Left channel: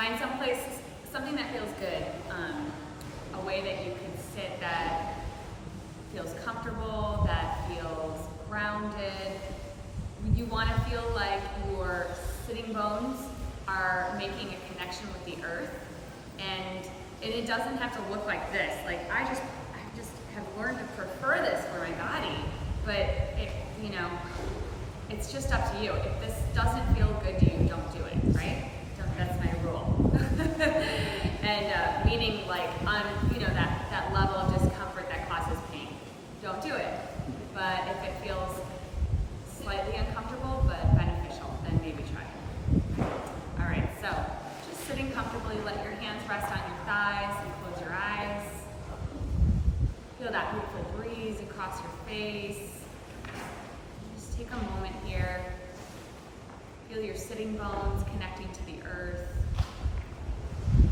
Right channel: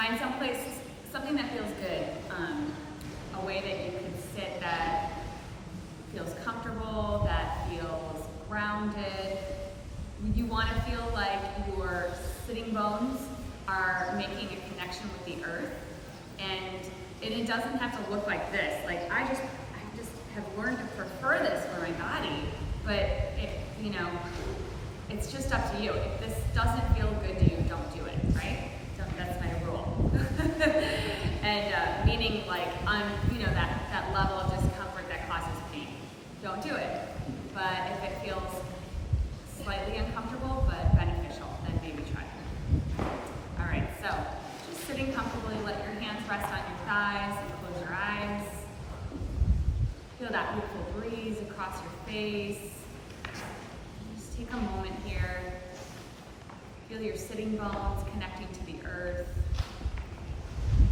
Find something that feels good, a way that you can sit that feels comfortable, that feels grounded. You want to feel like your sitting bones are making a connection with the earth, and it doesn't have to look like this. Like I just have learned to prefer this for my body, but it's just up to you. If this doesn't feel good to you, don't do it, right? That's my rule. And meaning like on that level of discomfort that causes pain, don't do it. But if it feels slightly uncomfortable but beneficial, then maybe try it. All right, so just sitting comfortably, let your hands rest on your thighs and close your eyes. Feel that beautiful breeze across your face. Just take a moment here. Feel your sitting bones connecting to the earth.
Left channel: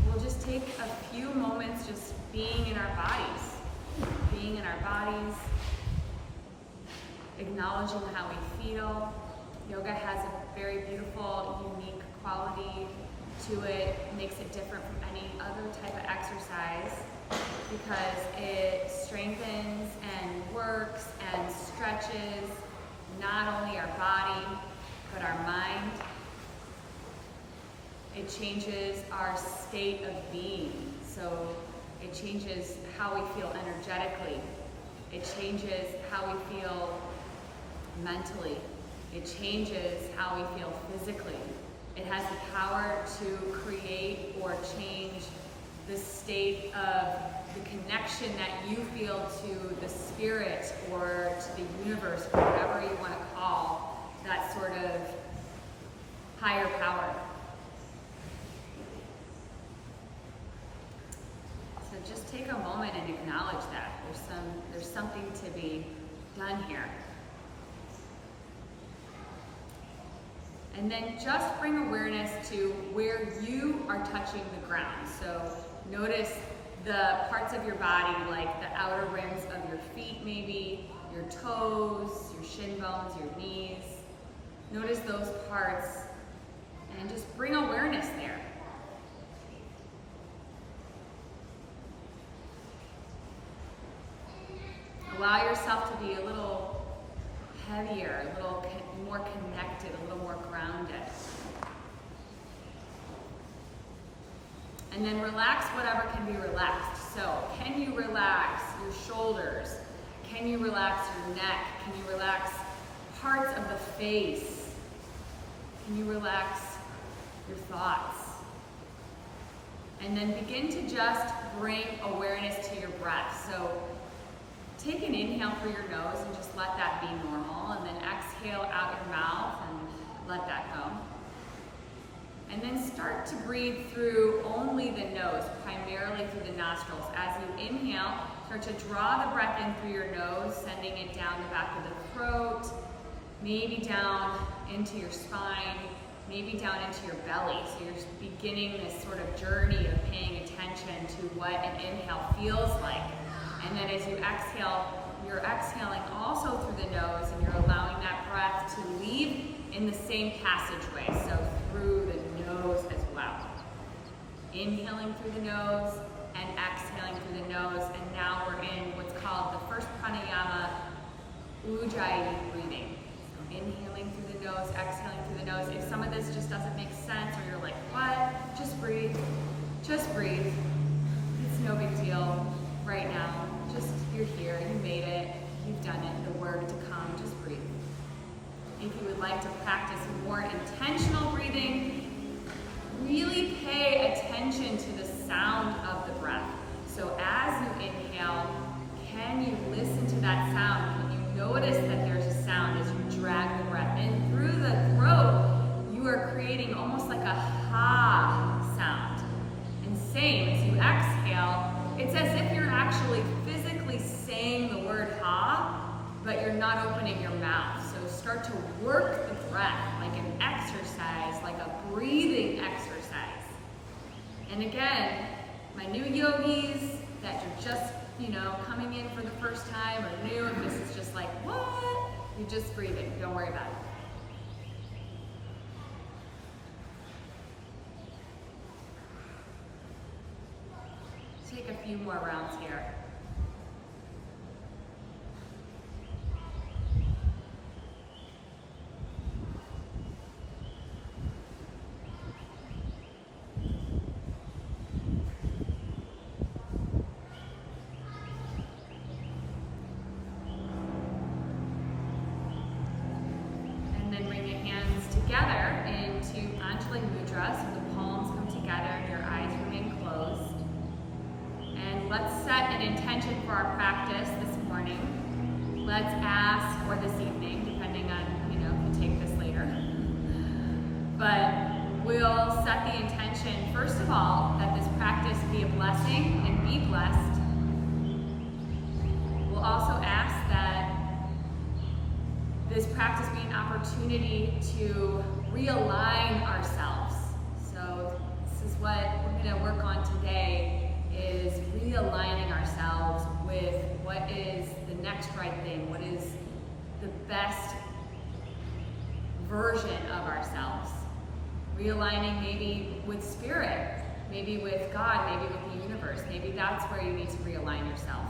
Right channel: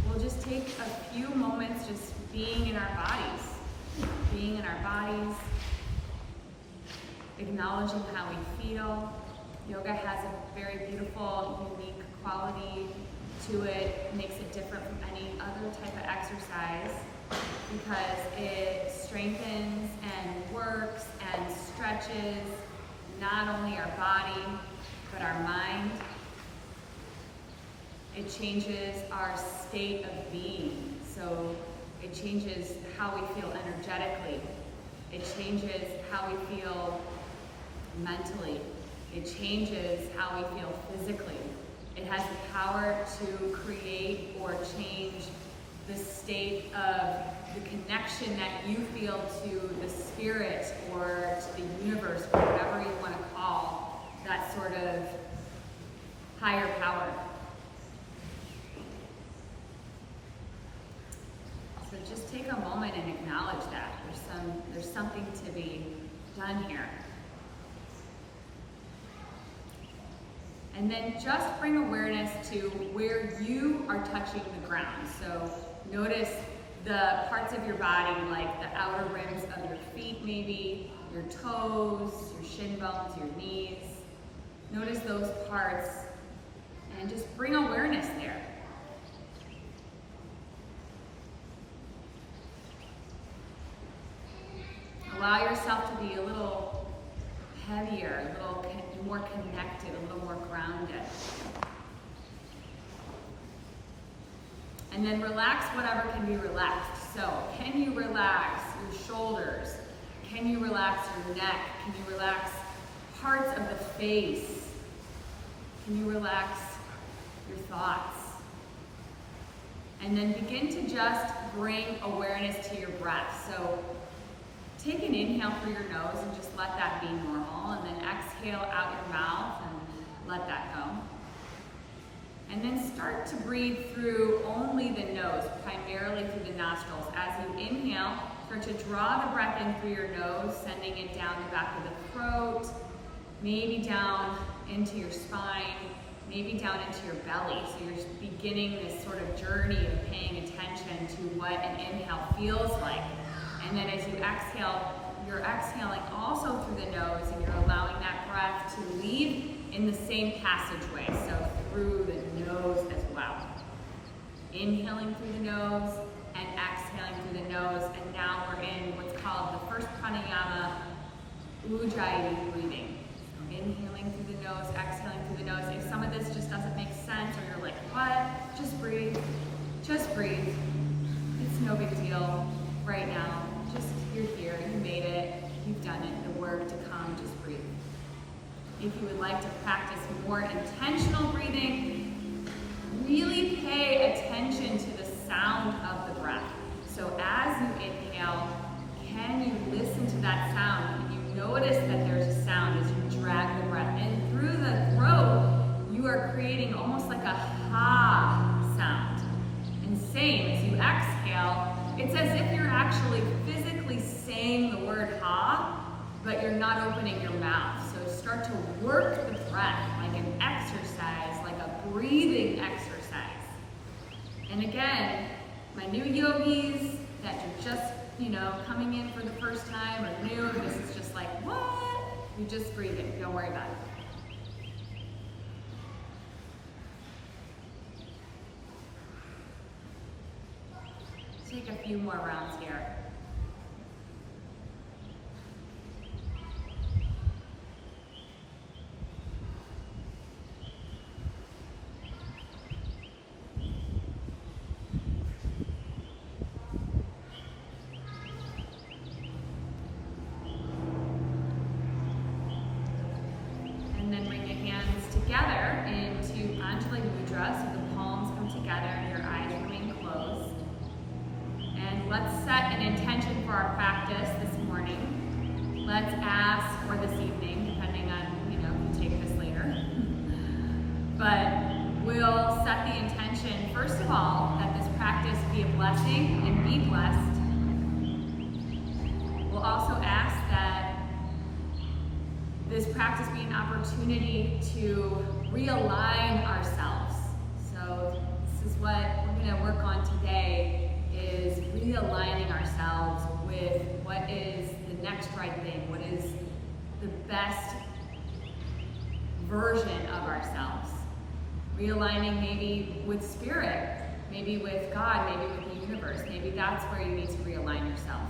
We'll just take a few moments just being in our bodies, acknowledging how we feel. Yoga has a very beautiful, unique quality to it. Makes it different from any other type of exercise because it strengthens and works and stretches not only our body, but our mind. It changes our state of being. So it changes how we feel energetically. It changes how we feel mentally. It changes how we feel physically. It has the power to create or change the state of the connection that you feel to the spirit or to the universe, or whatever you want to call that sort of higher power. So just take a moment and acknowledge that. There's something to be done here. And then just bring awareness to where you are touching the ground. So notice the parts of your body, like the outer rims of your feet maybe, your toes, your shin bones, your knees. Notice those parts and just bring awareness there. Allow yourself to be a little heavier, a little more connected, a little more grounded. And then relax whatever can be relaxed. So, can you relax your shoulders? Can you relax your neck? Can you relax parts of the face? Can you relax your thoughts? And then begin to just bring awareness to your breath. So, take an inhale through your nose and just let that be normal. And then exhale out your mouth and let that go. And then start to breathe through only the nose, primarily through the nostrils. As you inhale, start to draw the breath in through your nose, sending it down the back of the throat, maybe down into your spine, maybe down into your belly. So you're just beginning this sort of journey of paying attention to what an inhale feels like. And then as you exhale, you're exhaling also through the nose, and you're allowing that breath to leave in the same passageway, so through the nose as well. Inhaling through the nose and exhaling through the nose, and now we're in what's called the first pranayama, Ujjayi breathing. So inhaling through the nose, exhaling through the nose. If some of this just doesn't make sense, or you're like, what? Just breathe. Just breathe. It's no big deal right now. Just, you're here, you made it, you've done it, the work to come, just breathe. If you would like to practice more intentional breathing, really pay attention to the sound of the breath. So as you inhale, can you listen to that sound? Can you notice that there's a sound as you drag the breath in through the throat? You are creating almost like a ha sound. And same, as you exhale, it's as if you're actually physically saying the word ha, but you're not opening your mouth. So start to work the breath like an exercise, like a breathing exercise. And again, my new yogis that you're just, coming in for the first time or new, this is just like, what? You're just breathing, don't worry about it. take a few more rounds here. Together into Anjali Mudra, so the palms come together and your eyes remain closed. And let's set an intention for our practice this morning. Let's ask, or this evening, depending on, if you take this later. But we'll set the intention, first of all, that this practice be a blessing and be blessed. We'll also ask that this practice be an opportunity to realign ourselves. So this is what we're going to work on today, is realigning ourselves with what is the next right thing, what is the best version of ourselves. Realigning maybe with spirit, maybe with God, maybe with the universe. Maybe that's where you need to realign yourself.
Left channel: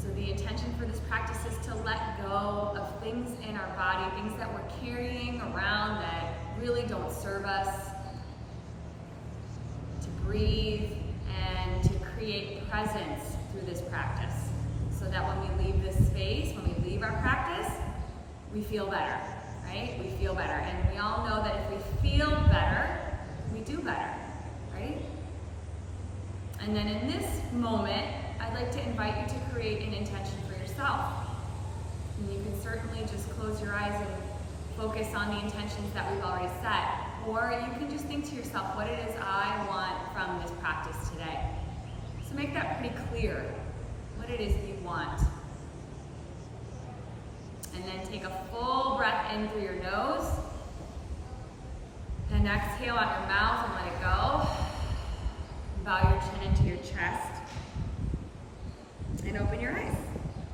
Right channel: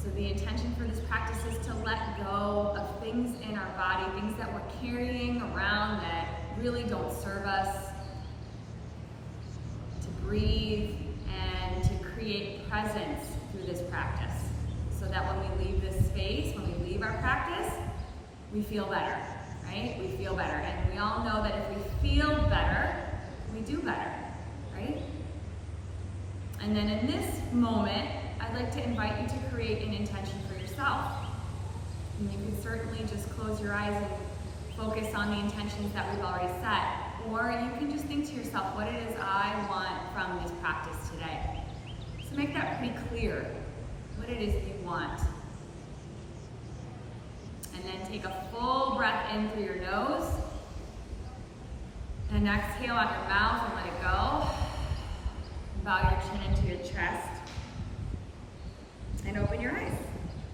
So the intention for this practice is to let go of things in our body, things that we're carrying around that really don't serve us, to breathe and to create presence through this practice, so that when we leave this space, when we leave our practice, we feel better, right? We feel better. And we all know that if we feel better, we do better, right? And then in this moment, I'd like to invite you to create an intention for yourself. And you can certainly just close your eyes and focus on the intentions that we've already set. Or you can just think to yourself what it is I want from this practice today. So make that pretty clear, what it is you want. And then take a full breath in through your nose. And exhale out your mouth and let it go. Bow your chin into your chest. And open your eyes.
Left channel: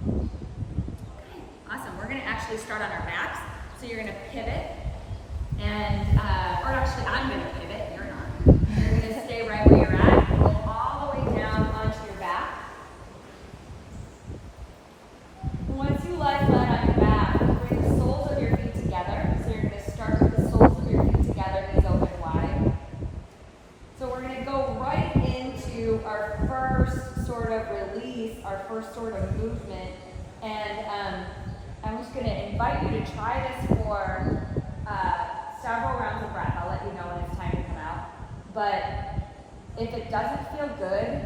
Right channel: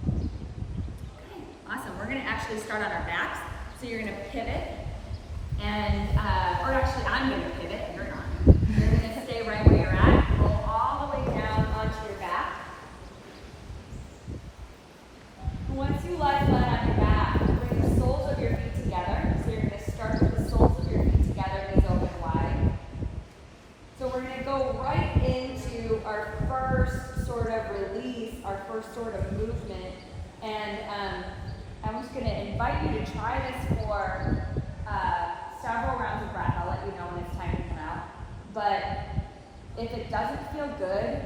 Okay, awesome. We're going to actually start on our backs. So you're going to pivot, and, or actually I'm going to pivot, you're not. You're going to stay right where you're at, roll all the way down onto your back. Once you lie flat on your back, bring the soles of your feet together. So you're going to start with the soles of your feet together, knees open wide. So we're going to go right into our first sort of release, our first sort of movement. And I'm just going to invite you to try this for several rounds of breath. I'll let you know when it's time to come out. But if it doesn't feel good,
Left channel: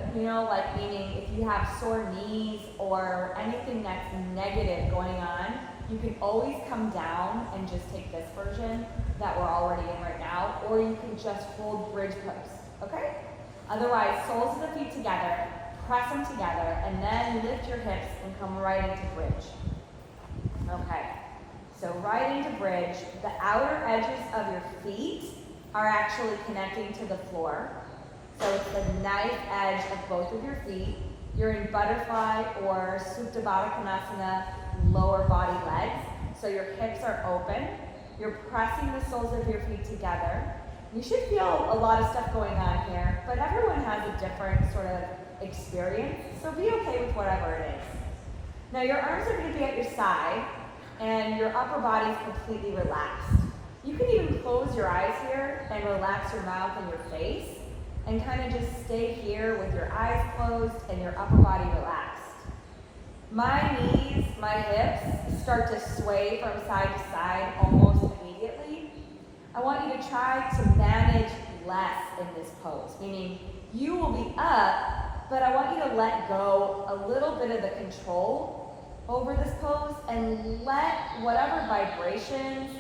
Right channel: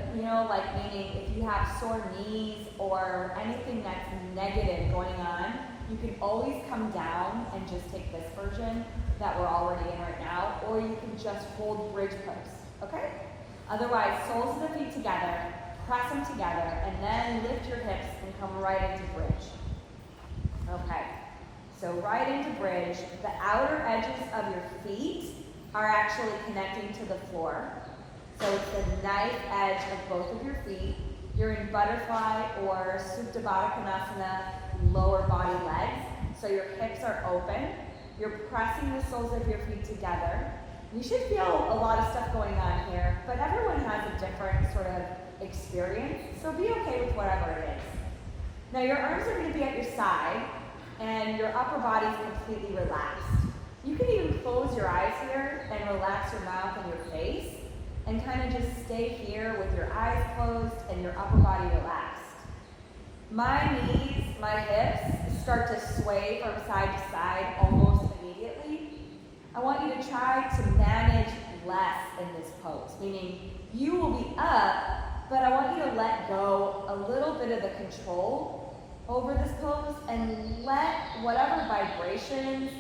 like meaning if you have sore knees or anything that's negative going on, you can always come down and just take this version that we're already in right now, or you can just hold bridge pose, okay? Otherwise, soles of the feet together, press them together, and then lift your hips and come right into bridge. Okay, so right into bridge. The outer edges of your feet are actually connecting to the floor. So it's the knife edge of both of your feet. You're in butterfly or Supta Baddha Konasana, lower body legs. So your hips are open. You're pressing the soles of your feet together. You should feel a lot of stuff going on here, but everyone has a different sort of experience, so be okay with whatever it is. Now your arms are going to be at your side, and your upper body is completely relaxed. You can even close your eyes here and relax your mouth and your face, and kind of just stay here with your eyes closed and your upper body relaxed. My knees, my hips start to sway from side to side almost immediately. I want you to try to manage less in this pose, meaning you will be up, but I want you to let go a little bit of the control over this pose and let whatever vibrations,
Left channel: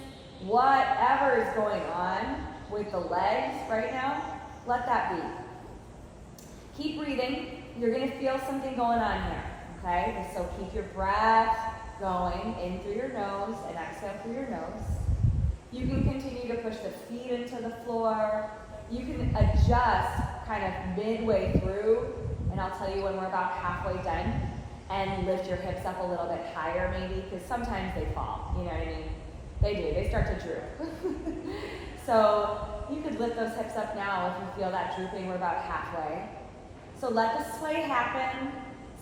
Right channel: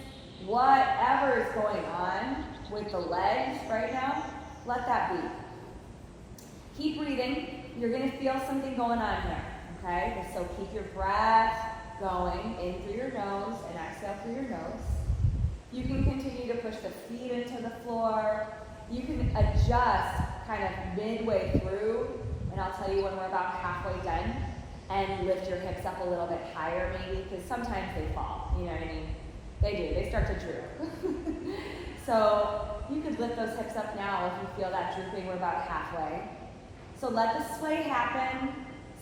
whatever is going on with the legs right now, let that be. Keep breathing. You're going to feel something going on here, okay? So keep your breath going in through your nose and exhale through your nose. You can continue to push the feet into the floor. You can adjust kind of midway through, and I'll tell you when we're about halfway done, and lift your hips up a little bit higher maybe, because sometimes they fall, you know what I mean? They do, they start to droop. So you could lift those hips up now if you feel that drooping. We're about halfway. So let the sway happen.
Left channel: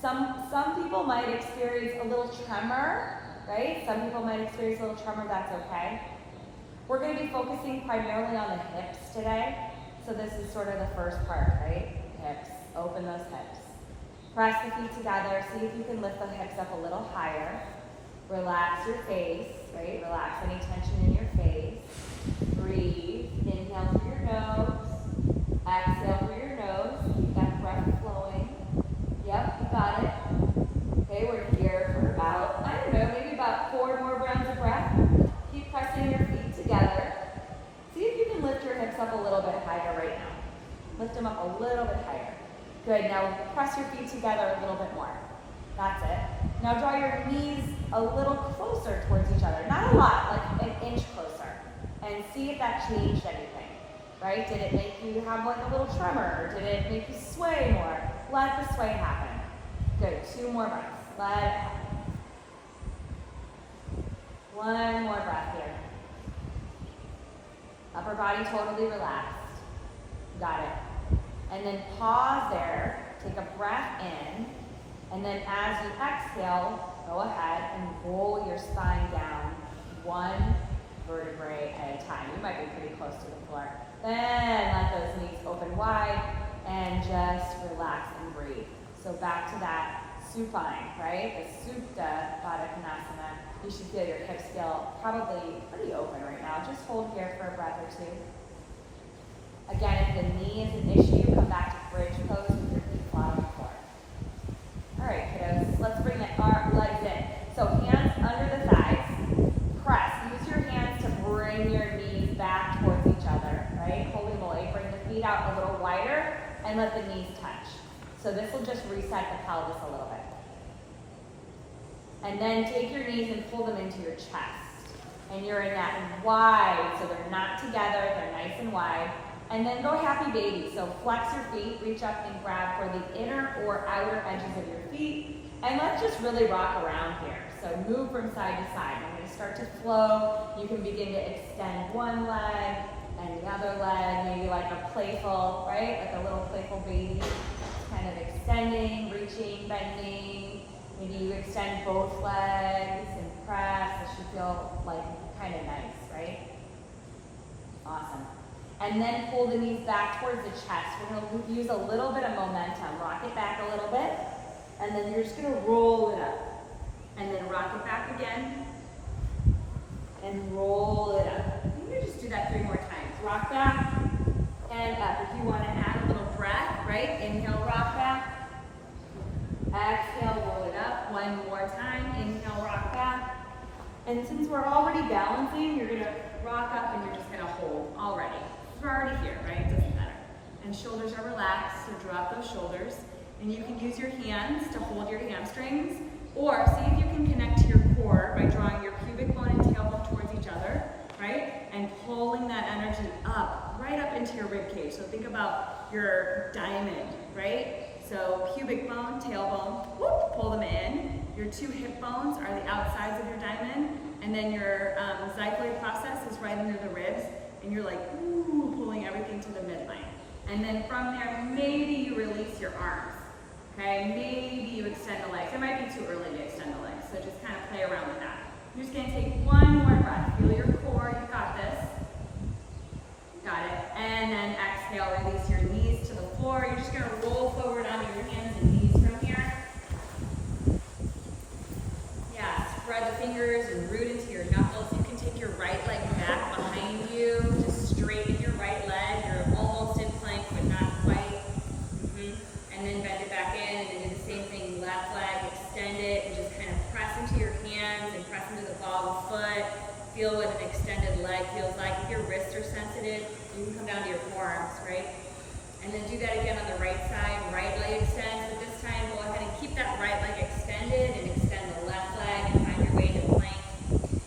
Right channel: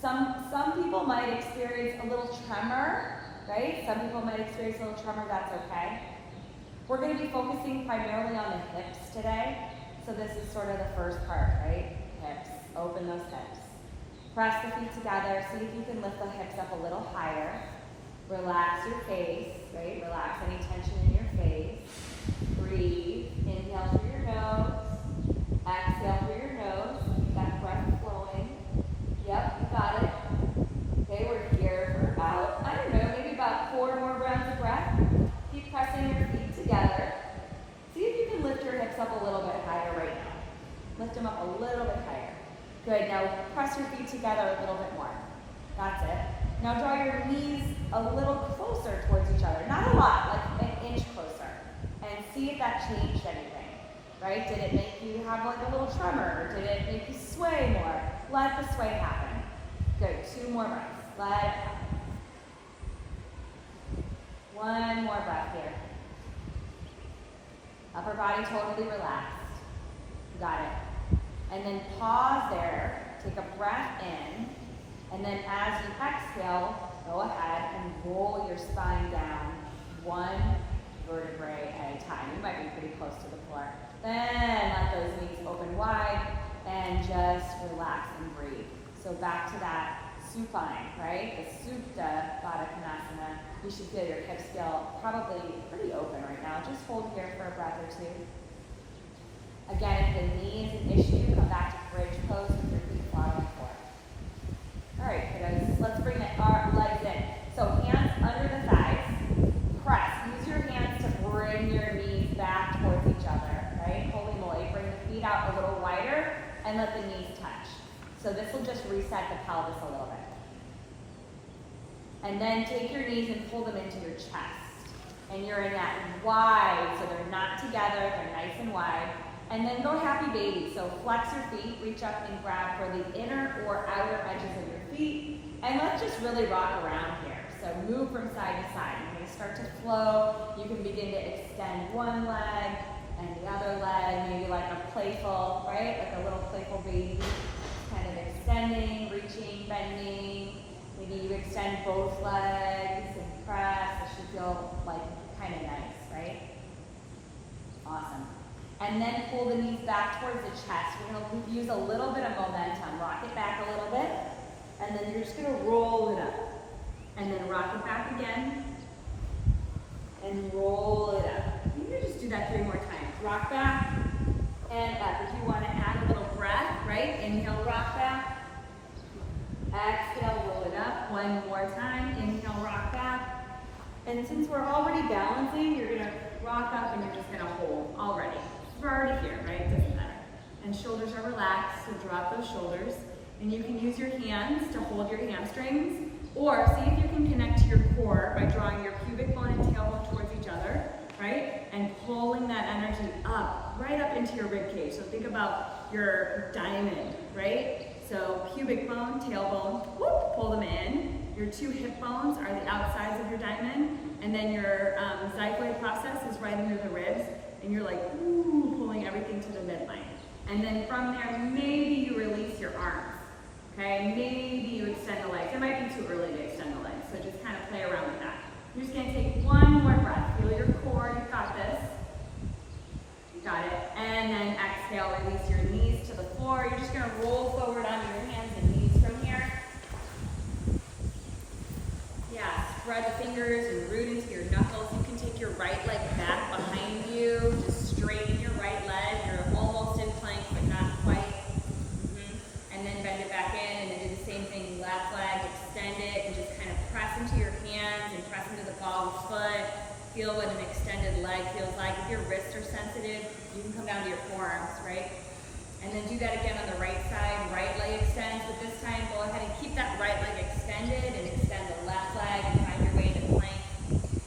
Some people might experience a little tremor, right? Some people might experience a little tremor, that's okay. We're going to be focusing primarily on the hips today. So this is sort of the first part, right? Hips. Open those hips. Press the feet together. See if you can lift the hips up a little higher. Relax your face, right? Relax any tension in your face. Breathe. Inhale through your nose. Exhale through your nose. Keep that breath flowing. Yep, you got it. Okay, we're here for about, I don't know, maybe about 4 more rounds of breath. Keep pressing your feet together. See if you can lift your hips up a little bit higher right now. Lift them up a little bit higher. Good, now press your feet together a little bit more. That's it. Now draw your knees a little closer towards each other. Not a lot, like an inch closer. And see if that changed anything, right? Did it make you have like a little tremor? Did it make you sway more? Let the sway happen. Good, 2 more breaths. Let it happen. 1 more breath here. Upper body totally relaxed. Got it. And then pause there, take a breath in, and then as you exhale, go ahead and roll your spine down 1 vertebrae at a time. You might be pretty close to the floor. Then let those knees open wide and just relax and breathe. So back to that supine, right? The Supta Baddha Konasana. You should feel your hips feel probably pretty open right now. Just hold here for a breath or 2. Again, if the knee is an issue, come back to bridge pose with your feet flat on the floor. All right, kiddos, let's bring our legs in. So hands under the thighs, press. Use your hands to bring your knees back towards each other, right? Holy moly, bring the feet out a little wider and let the knees touch. So this will just reset the pelvis a little bit. And then take your knees and pull them into your chest. And you're in that wide, so they're not together, they're nice and wide. And then go happy baby. So flex your feet, reach up and grab for the inner or outer edges of your feet. And let's just really rock around here. So move from side to side. We're going to start to flow. You can begin to extend one leg and the other leg, maybe like a playful, right? Like a little playful baby. Kind of extending, reaching, bending. Maybe you extend both legs and press. It should feel like kind of nice, right? Awesome. And then pull the knees back towards the chest. We're going to use a little bit of momentum. Rock it back a little bit. And then you're just going to roll it up. And then rock it back again. And roll it up. You can just do that 3 more times. Rock back and up. If you want to add a little breath, right? Inhale, rock back. Exhale, roll it up. 1 more time. Inhale, rock back. And since we're already balancing, you're going to rock up and you're just going to hold already. We're already here, right? It doesn't matter. And shoulders are relaxed, so drop those shoulders. And you can use your hands to hold your hamstrings, or see if you can connect to your core by drawing your pubic bone and tailbone towards each other, right? And pulling that energy up, right up into your rib cage. So think about your diamond, right? So pubic bone, tailbone, whoop, pull them in. Your 2 hip bones are the outsides of your diamond, and then your xiphoid process is right under the ribs. And you're like, ooh, pulling everything to the midline. And then from there, maybe you release your arms, okay? Maybe you extend the legs. It might be too early to extend the legs, so just kind of play around with that. You're just gonna take 1 more breath. Feel your core, you've got this. You got it. And then exhale, release your knees to the floor. You're just gonna roll forward on your hands and knees from here. Yeah, spread the fingers and root into your knuckles. You can take your right leg back behind you. Just straighten your right leg. You're almost in plank, but not quite. And then bend it back in, and then do the same thing. Left leg, extend it, and just kind of press into your hands and press into the ball of the foot. Feel what an extended leg feels like. If your wrists are sensitive, you can come down to your forearms, right? And then do that again on the right side. Right leg extends, but this time go ahead and keep that right leg extended and extend the left leg and find your way into plank.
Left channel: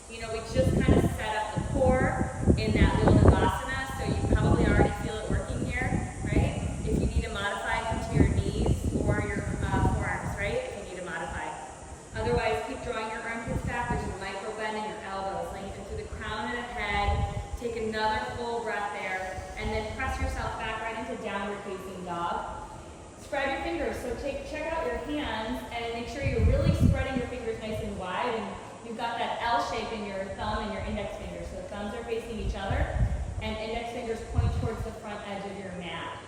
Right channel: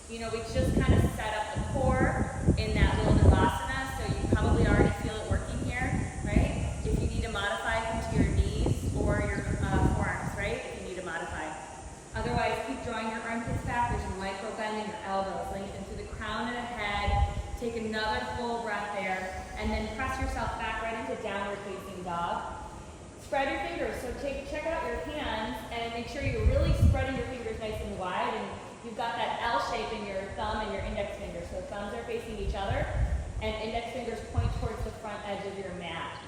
You know, we just kind of set up the core in that little Navasana, so you probably already feel it working here, right? If you need to modify, come to your knees or your forearms, right? If you need to modify. Otherwise, keep drawing your armpits back. There's a micro bend in your elbows. Lengthen through the crown of the head. Take another full breath there, and then press yourself back right into downward facing dog. Spread your fingers, so check out your hands and make sure you're really spreading your fingers nice and wide, and you've got that L shape in your thumb and your index finger, so thumbs are facing each other and index fingers point towards the front edge of your mat.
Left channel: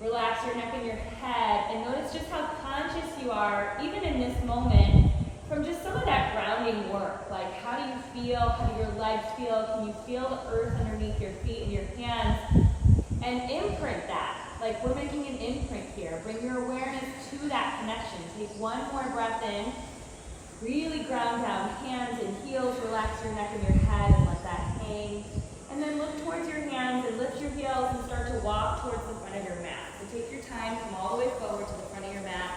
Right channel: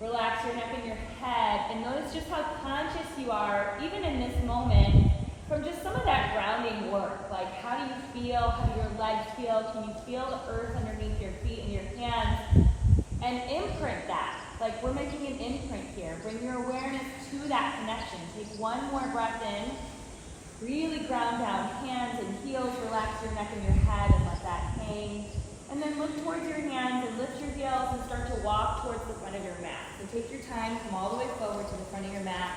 Relax your neck and your head, and notice just how conscious you are, even in this moment, from just some of that grounding work. Like, how do you feel? How do your legs feel? Can you feel the earth underneath your feet and your hands? And imprint that. Like, we're making an imprint here. Bring your awareness to that connection. Take one more breath in. Really ground down, hands and heels. Relax your neck and your head and let that hang. And then look towards your hands and lift your heels and start to walk towards the front of your mat. So take your time, come all the way forward to the front of your mat.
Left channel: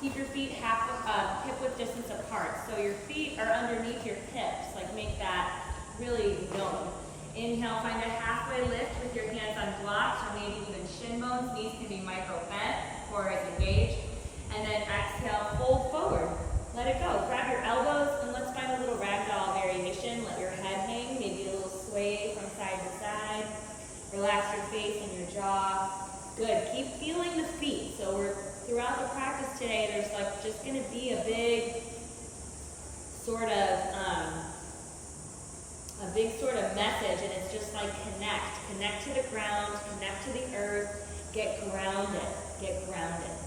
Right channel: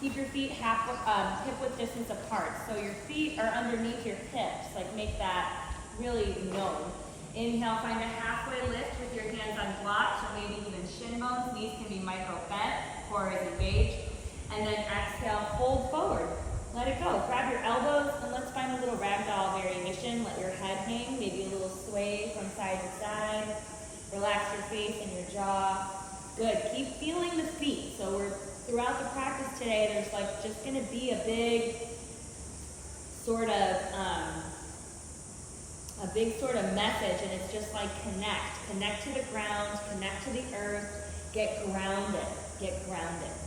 Keep your feet hip-width distance apart. So your feet are underneath your hips. Like, make that really known. Inhale, find a halfway lift with your hands on blocks or maybe even shin bones. Knees can be micro bent, core is engaged. And then exhale, fold forward. Let it go. Grab your elbows and let's find a little ragdoll variation. Let your head hang, maybe a little sway from side to side. Relax your face and your jaw. Good. Keep feeling the feet. So we're throughout the practice today, there's like just going to be a big sort of message, and it's just like connect to the ground, connect to the earth, get grounded,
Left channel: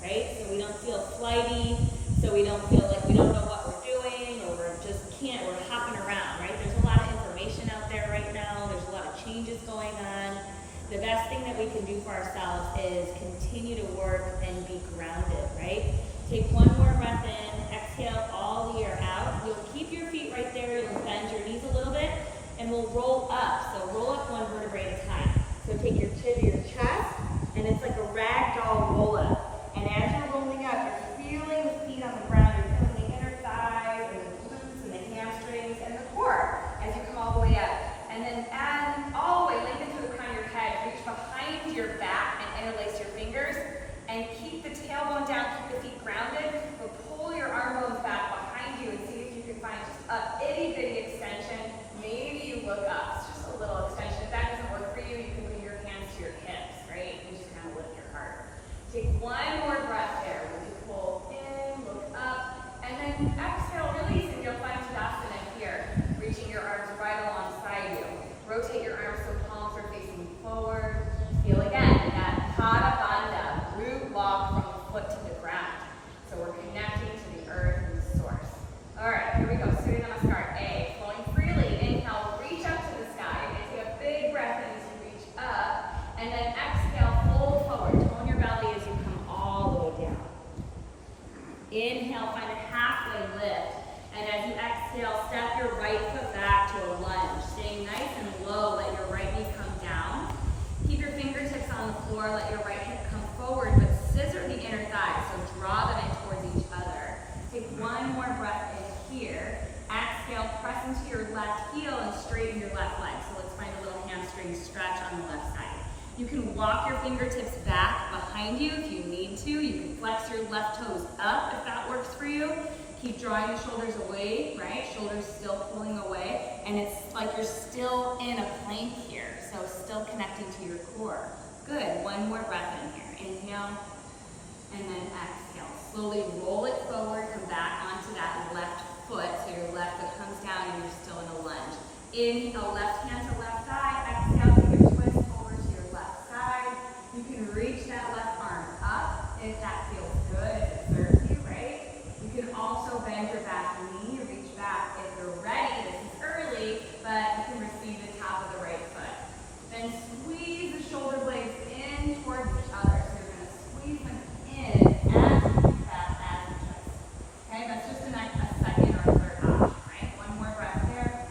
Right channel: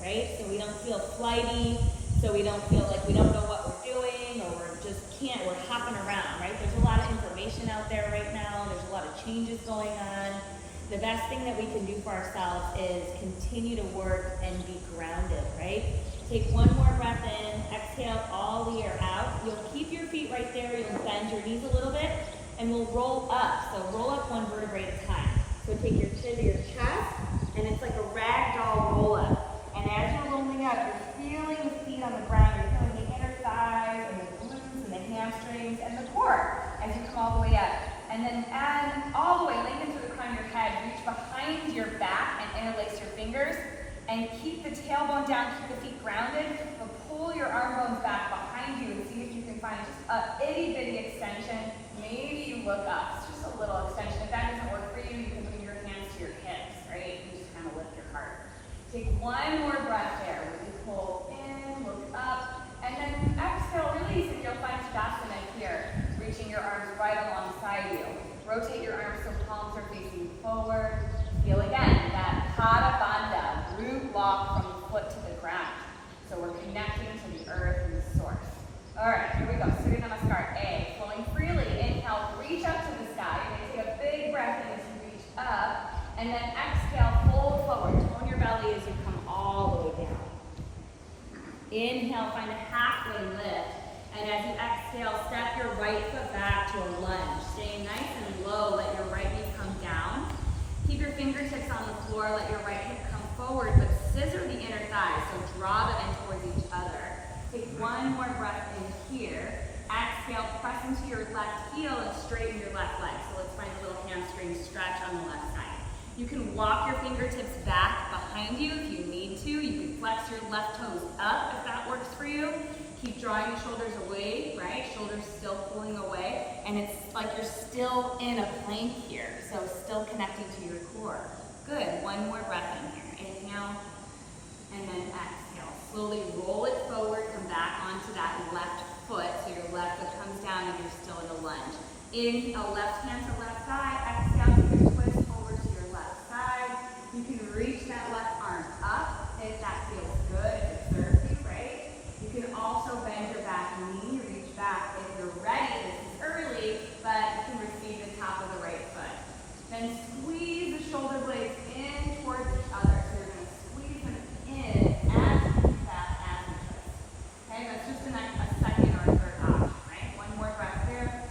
right? So we don't feel flighty, so we don't feel like we don't know what we're doing, or we're hopping around, right? There's a lot of information out there right now. There's a lot of changes going on. The best thing that we can do for ourselves is continue to work and be grounded, right? Take one more breath in, exhale all the air out. You'll keep your feet right there. You'll bend your knees a little bit, and we'll roll up. So roll up one vertebrae at a time. So take your chin to your chest, and it's like a ragdoll roll up. And as you're rolling up, you're feeling the feet on the ground. You're feeling the inner thighs and the glutes and the hamstrings and the core as you come all the way up. And then add all the way, lengthen through the crown of your head, reach behind your back and interlace your fingers. And keep the tailbone down, keep the feet grounded, but pull your arm bones back behind you and see if you can find just a itty bitty extension. Maybe you look up, it's just a little extension. If that doesn't work for you, you can bring your hands to your hips, right? You just kind of lift your heart. Take one more breath there. Really pull in, look up, and then exhale, release, and you'll find Shavasana here, reaching your arms right alongside you. Rotate your arms so palms are facing forward. Feel again that Pada Bandha, root lock from the foot to the ground. So we're connecting to the earth and the source. All right, here we go. Surya Namaskar. A, flowing freely. Inhale, reach up to the sky. You're going to take a big breath in as you reach up. And then exhale, fold forward. Tone your belly as you come all the way down. Inhale, find a halfway lift. And as you exhale, step your right foot back to a lunge. Stay nice and low. Let your right knee come down. Keep your fingertips on the floor. Let your right hip come forward, but scissor the inner thighs. So draw them in towards each other. Take one more breath in here. Exhale, press into your left heel and straighten your left leg. So let's find a little hamstring stretch on the left side. You can walk your fingertips back behind you if you need to. You can flex your left toes up if that works for you. Keep drawing the shoulders away, right? Shoulders still pulling away. And it's like you're still in a plank here. So still connecting to your core. Good. One more breath in here. Inhale. And then exhale. Slowly roll it forward. Come back onto that left foot. So your left foot comes down and you're still in a lunge. Inhale, left hand to left side. Exhale, take a twist over to your left side. You can reach that left arm up if that feels good, if it serves you, right? You can also bend your back knee, reach back if you're ready. This is early, but you can receive the top of the right foot. Then squeeze the shoulder blades in towards each other. So you're going to squeeze them in as fast as you twist. Okay, that's just a second or a third option, right? One more breath there.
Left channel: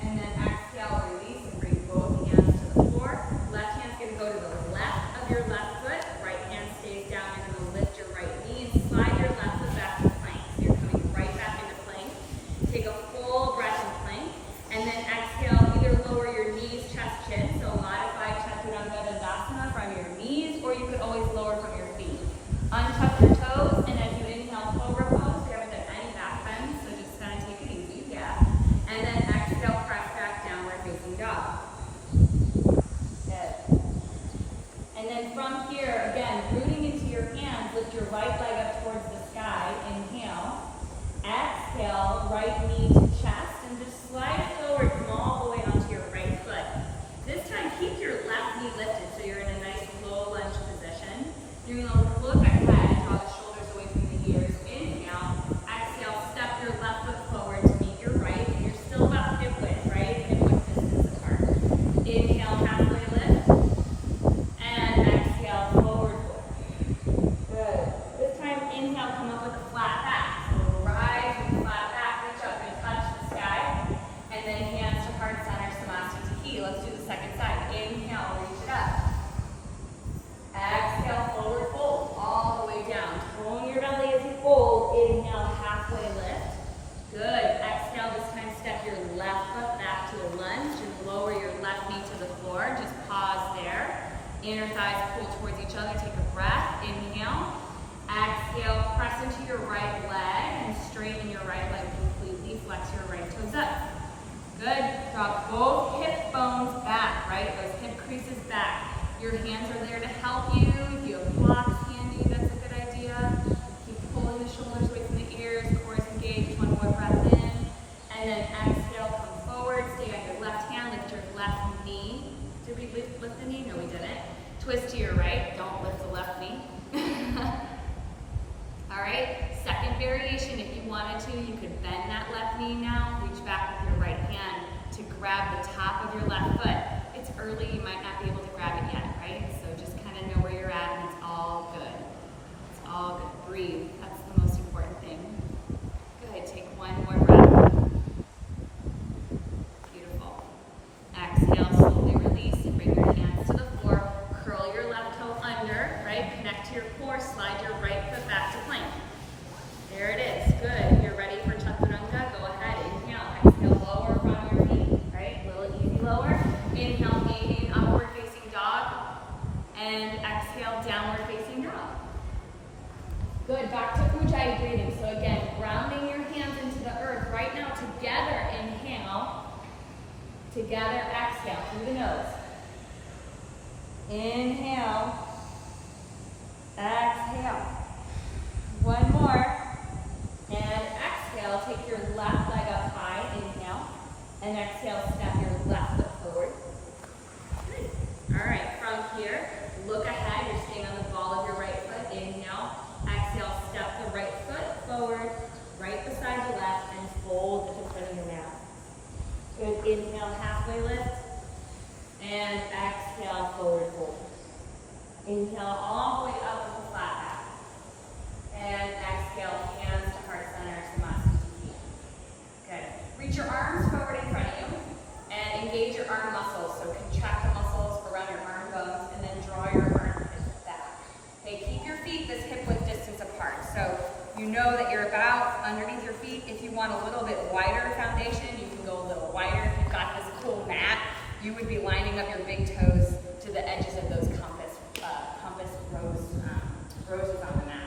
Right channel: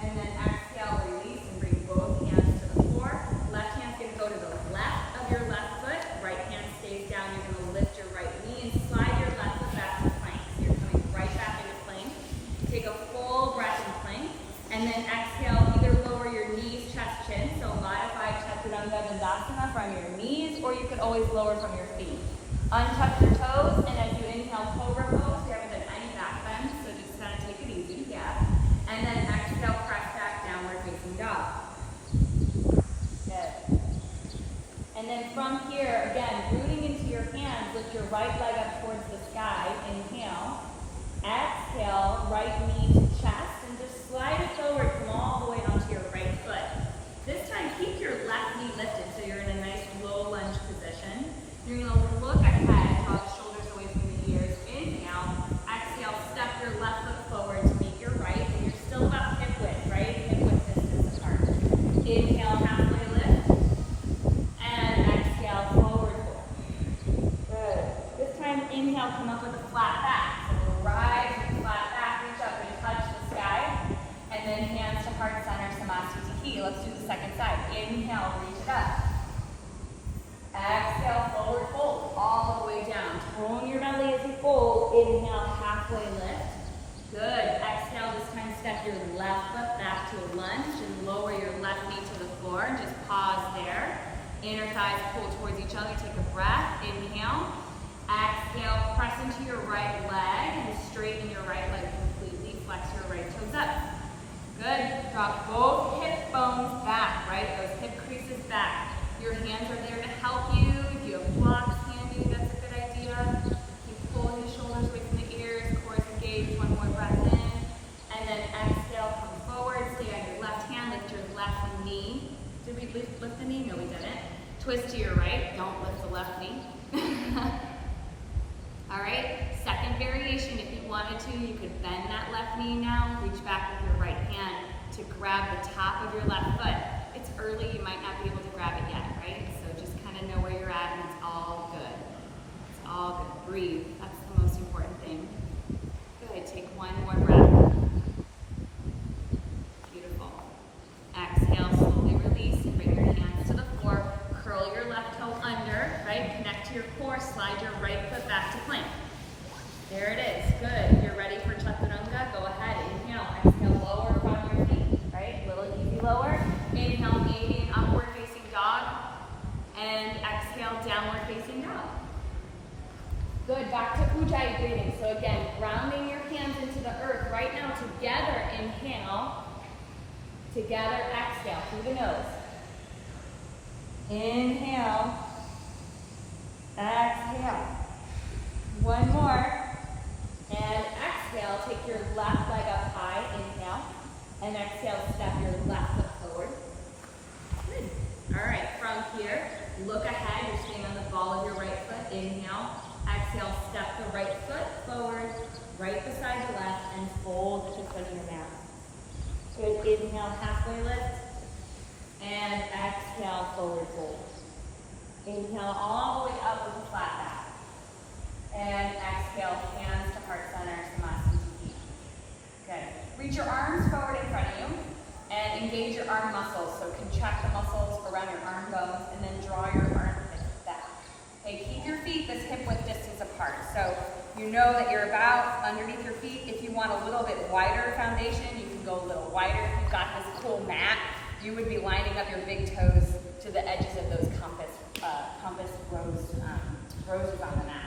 And then exhale, release, and bring both hands to the floor. Left hand's going to go to the left of your left foot. Right hand stays down. You're going to lift your right knee and slide your left foot back to plank. So you're coming right back into plank. Take a full breath in plank. And then exhale, either lower your knees, chest, chin. So modified Chaturanga Dandasana from your knees, or you could always lower from your feet. Untuck your toes, and as you inhale, Cobra pose. You haven't done any back bends, so just kind of take it easy, yeah. And then exhale, press back, downward facing dog. And then from here, again, rooting into your hands, lift your right leg up towards the sky. Inhale. Exhale, right knee to chest, and just slide it forward, come all the way onto your right foot. This time, keep your left knee lifted so you're in a nice low lunge position. You're going to look ahead, draw the shoulders away from the ears. Inhale. Exhale, step your left foot forward to meet your right, and you're still about hip width, right? Hip width distance apart. Inhale, halfway lift. And exhale, forward fold. Good. This time, inhale, come up with a flat back. So rise and flat back, reach up and touch the sky. And then hands to heart center, Samasthiti. Let's do the second side. Inhale, reach it up. Exhale, forward fold, all the way down. Tone your belly as you fold. Inhale, halfway lift. Good. Exhale, this time step your left foot back to a lunge and lower your left knee to the floor. Just pause there. Inner thighs pull towards each other. Take a breath. Inhale. Exhale, press into your right leg and straighten your right leg completely. Flex your right toes up. Good. Drop both hip bones back, right? Those hip creases back. Your hands are there to help you. If you have blocks handy, that's a good idea. Keep pulling the shoulders away from the ears. Core is engaged. One more breath in. And then exhale, come forward. Stay on your left hand. Lift your left knee. Did we lift the knee? No, we didn't. Twist to your right. Don't lift the left knee. All right. Second variation. If you wanted to, you could bend that left knee now. Reach back with your right hand to grab the top of your left foot. It's early, you might not be able to grab it yet, right? So just kind of know where you're at and it's all good. It's all good. Breathe. That's the most important thing. Good. Take one more breath. Beautiful. Exhale, slowly release and bring your hands to the floor. Curl your left toe under, right? Connect to your core. Slide your right foot back to plank. There it is. Good. If you're ready for chaturanga, go ahead. Inhale. Exhale, lower front of your feet, right? Little easy lower. Inhale, gain upward facing dog. And exhale, downward facing dog. Good, back to Ujjayi breathing. So again, grounding your hands into the earth. Right now, together, inhale. Together, exhale through the nose. Inhale. Exhale. One more. And exhale, take your left leg up high. Inhale. And exhale, step your left foot forward. Good. All right, from here, look ahead. You're staying on the ball of your right foot. Inhale. Exhale, step the right foot forward, right beside the left, and fold to touch your mat. Good. Inhale, halfway lift. And exhale, forward fold. Inhale all the way up with a flat back. And exhale, hands to heart center, Samasthiti. Good. Reach your arms forward in front of you and engage your arm muscles. So contract the muscles around your arm bones and then draw your armpits back. Okay, keep your feet this hip width distance apart. So you know that you're about underneath your feet. If you want a little bit wider foundation, you can go a little wider. If you've got this cool mat, you would be lining up your big toes to the edges of those compass roses on the mat.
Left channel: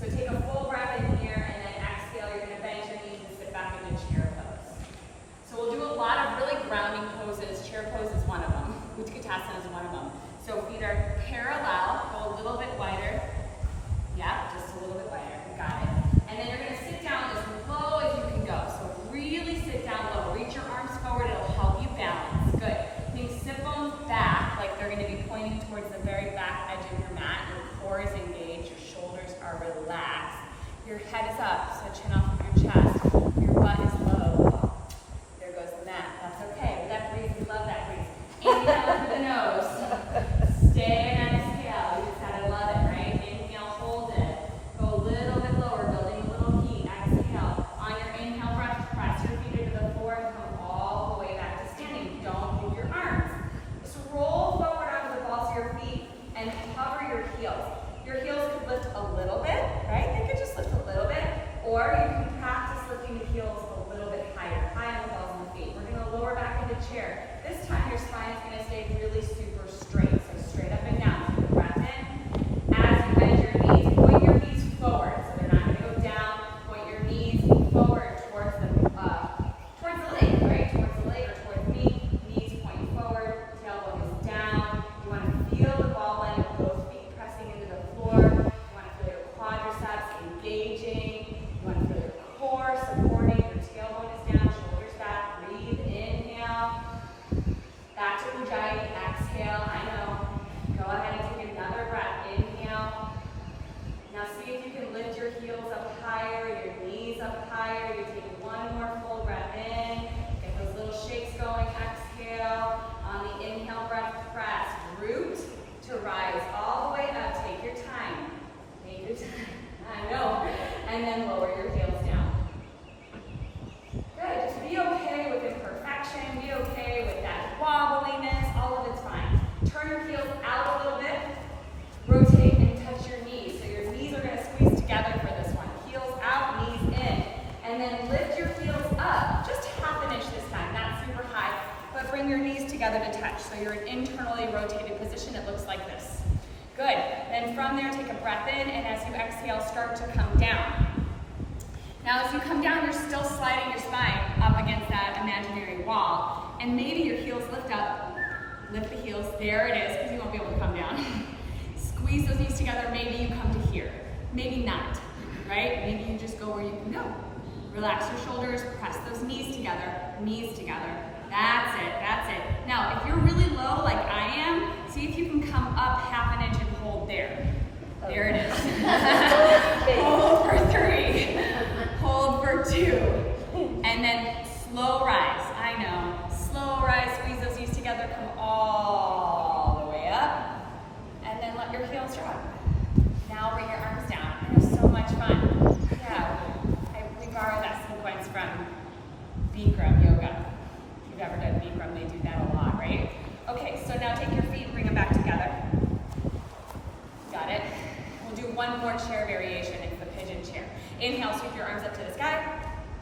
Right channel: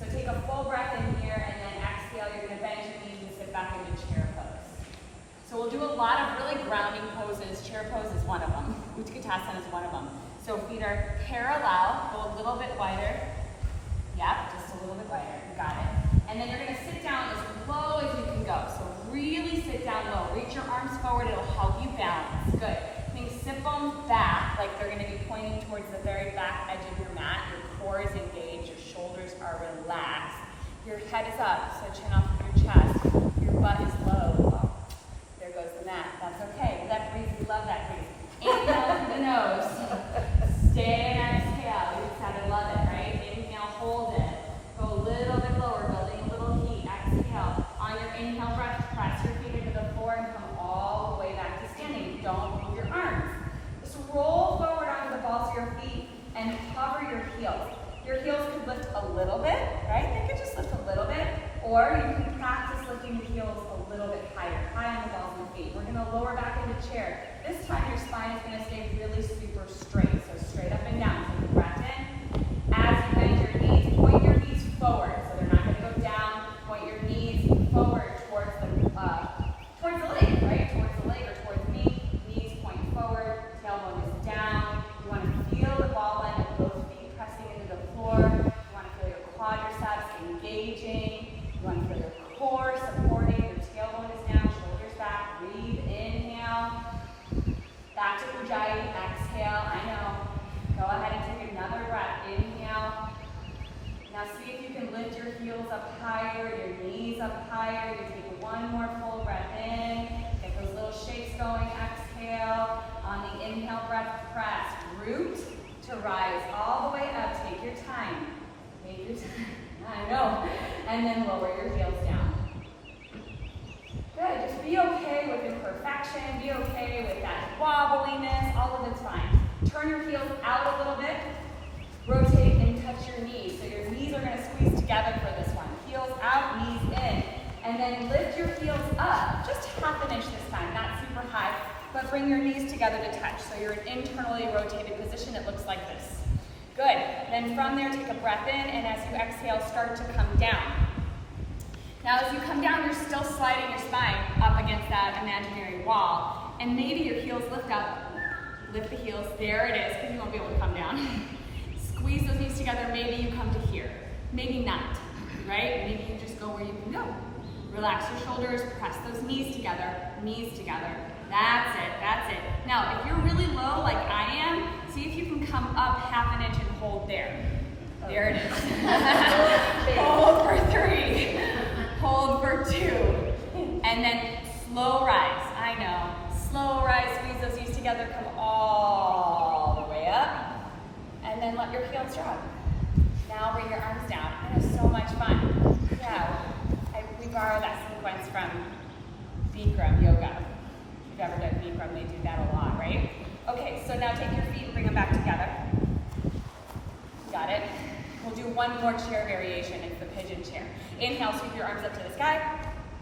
So take a full breath in here and then exhale. You're going to bend your knees and sit back into chair pose. So we'll do a lot of really grounding poses. Chair pose is one of them. Utkatasana is one of them. So feet are parallel. Go a little bit wider. Yep, just a little bit wider. You got it. And then you're going to sit down as low as you can go. So really sit down low. Reach your arms forward. It'll help you balance. Good. Think sit bones back, like they're going to be pointing towards the very back edge of your mat. Your core is engaged. Your shoulders are relaxed. Your head is up, so chin off of your chest. Your butt is low. Oh, there goes the mat. That's okay. But that breeze, we love that breeze. Inhale through the nose. Stay and exhale. You just gotta love it, right? Inhale, hold it. Go a little bit lower, building a little heat. Exhale. On your inhale breath, press your feet into the floor and come all the way back to standing. Don't move your arms. Just roll forward onto the balls of your feet and cover your heels. Your heels could lift a little bit, right? They could just lift a little bit. Or you can practice lifting the heels a little bit higher, high on the balls of the feet. We're going to lower back into chair. This time your spine is going to stay really super straight. So straight up and down. ahead and take another breath. Inhale. Now see if you can lift your heels up higher, your knees up higher. You take one more full breath in. Get those little shakes going. Exhale. On the inhale breath, press. Root to rise all the way up. Take your time. Take your time. I know. And then lower your heels down. Good. Just be okay with imperfection. Be okay with that wobbliness. All of it's fine. Turn your heels out a little bit. Rotate and touch your knees. So your knees are going to squeeze together for this one. Heels out, knees in. And then lift your heels up. Just half an inch this time. Not super high. But bring your knees together to touch. So you're in internally rotated position. It looks like this. Good. Then from there, take a breath in. And as you exhale, start to come down. Now as you come down, you're still sliding your spine up against that imaginary wall. And maybe your heels lift up. Lift the heels. There it is, because you won't be able to come down. Squeeze those knees together. Maybe you come to here. Maybe not, right? Maybe you just go where you can go. Relax your shoulders. Press those knees together. Knees together. That's it. That's it. Now, if you're really low like I am, see if you can come up half an inch and hold there. There it is. Hold for 3. Hold for 2. And then slow rise. I know. Slow rise. Squeeze those knees together. Come all the way up. And then let your heels drop. Now bring your arms down. I know, so much fun. Yeah, we borrow that sequence from Bikram yoga. If you've ever done Bikram, they do that a lot, right? Okay, so now take your feet and bring them back together. Got it? We'll do one more chair variation. It's the pigeon chair. Inhale, sweep your arms up to the sky.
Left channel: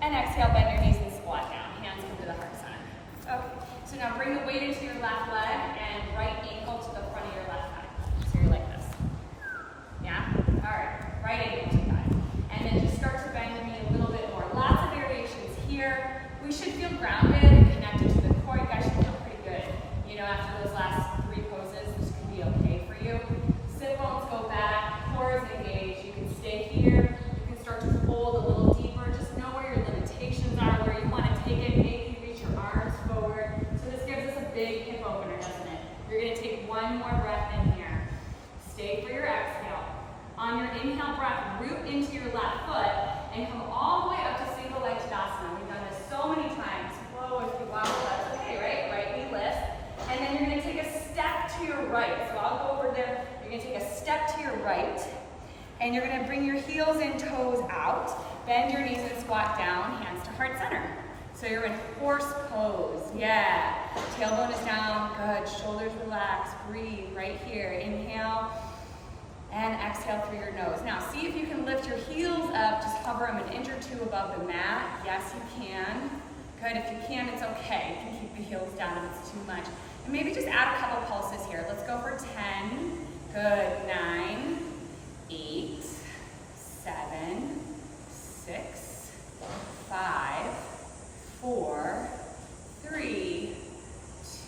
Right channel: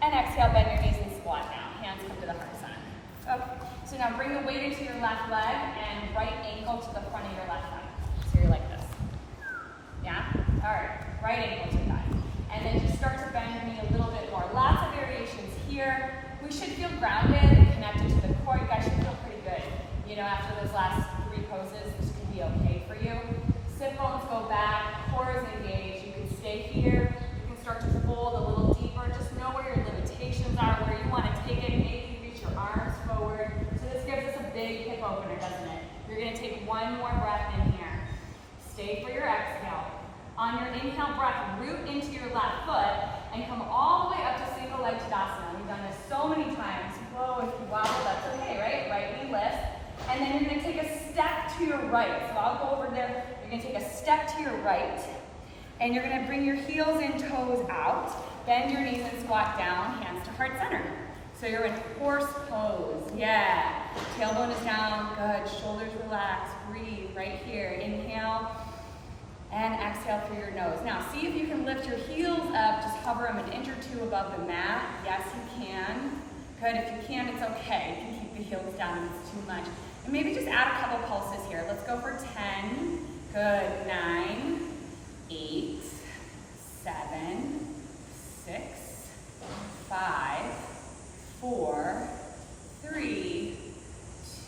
And exhale, bend your knees and squat down. Hands come to the heart center. Okay, so now bring the weight into your left leg and right ankle to the front of your left thigh. So you're like this. Yeah? All right. Right ankle to thigh. And then just start to bend your knee a little bit more. Lots of variations here. We should feel grounded and connected to the core. You guys should feel pretty good. You know, after those last 3 poses, this could be okay for you. Sit bones go back. Core is engaged. You can stay here. You can start to fold a little deeper. Just know where your limitations are, where you want to take it. Maybe reach your arms forward. So this gives us a big hip opener, doesn't it? You're going to take one more breath in here. Stay for your exhale. On your inhale breath, root into your left foot and come all the way up to single leg Tadasana. We've done this so many times. Whoa, if you wobble, that's okay, right? Right knee lift. And then you're going to take a step to your right. So I'll go over there. You're going to take a step to your right. And you're going to bring your heels and toes out. Bend your knees and squat down, hands to heart center. So you're in horse pose. Yeah. Tailbone is down. Good. Shoulders relax. Breathe right here. Inhale. And exhale through your nose. Now, see if you can lift your heels up. Just hover them an inch or 2 above the mat. Yes, you can. Good. If you can, it's okay. You can keep the heels down if it's too much. And maybe just add a couple pulses here. Let's go for 10. Good. 9, 8, 7, 6, 5, 4, 3,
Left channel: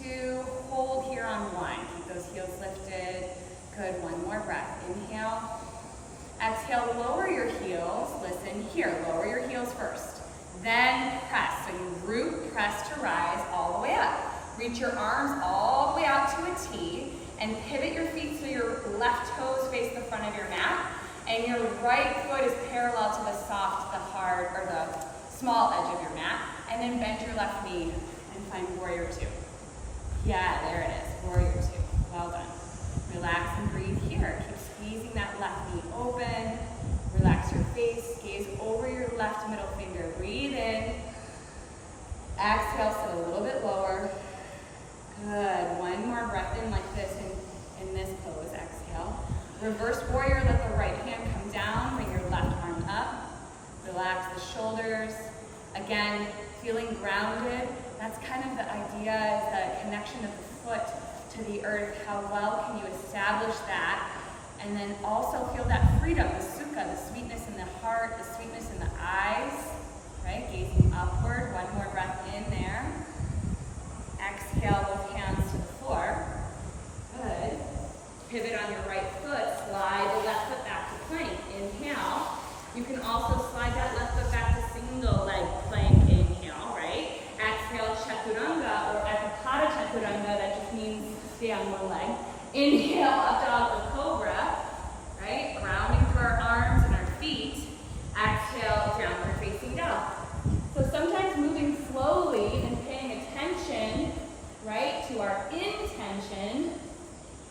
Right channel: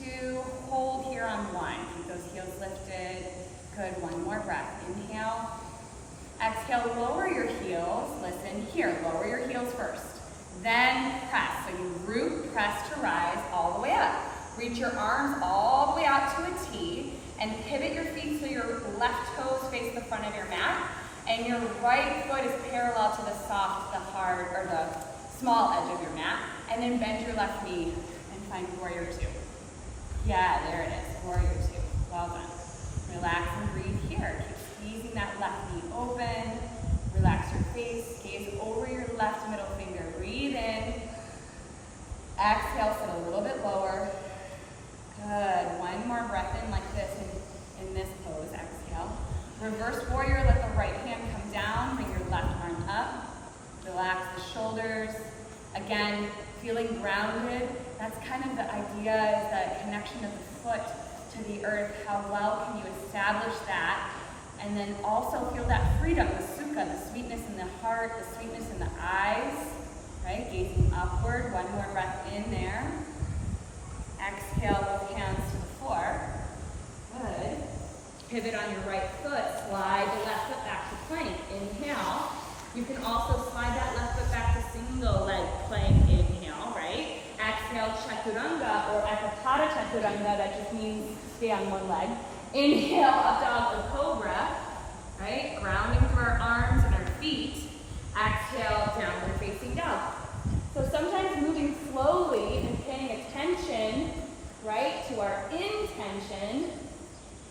2. Hold here on 1. Keep those heels lifted. Good, one more breath. Inhale. Exhale, lower your heels. Listen here, lower your heels first. Then press. So you root, press to rise all the way up. Reach your arms all the way out to a T and pivot your feet so your left toes face the front of your mat and your right foot is parallel to the soft, the hard, or the small edge of your mat. And then bend your left knee and find warrior 2. Yeah, there it is, warrior 2. Well done. Relax and breathe here. Keep squeezing that left knee open. Relax your face. Gaze over your left middle finger. Breathe in. Exhale, sit a little bit lower. Good. One more breath in like this in this pose. Exhale. Reverse warrior. Let the right hand come down. Bring your left arm up. Relax the shoulders. Again, feeling grounded. That's kind of the idea, is the connection of the foot to the earth. How well can you establish that? And then also feel that freedom, the sukha, the sweetness in the heart, the sweetness in the eyes, right? Gazing upward. One more breath in there. Exhale, both hands to the floor. Good. Pivot on your right foot. Slide the left foot back to plank. Inhale. You can also slide that left foot back to single leg plank. Inhale, right? Exhale, chaturanga, or ekapada chaturanga. That just means stay on one leg. Inhale, up dog or cobra, right? Grounding through our arms and our feet. Exhale, downward facing dog. So sometimes moving slowly and paying attention, right, to our intention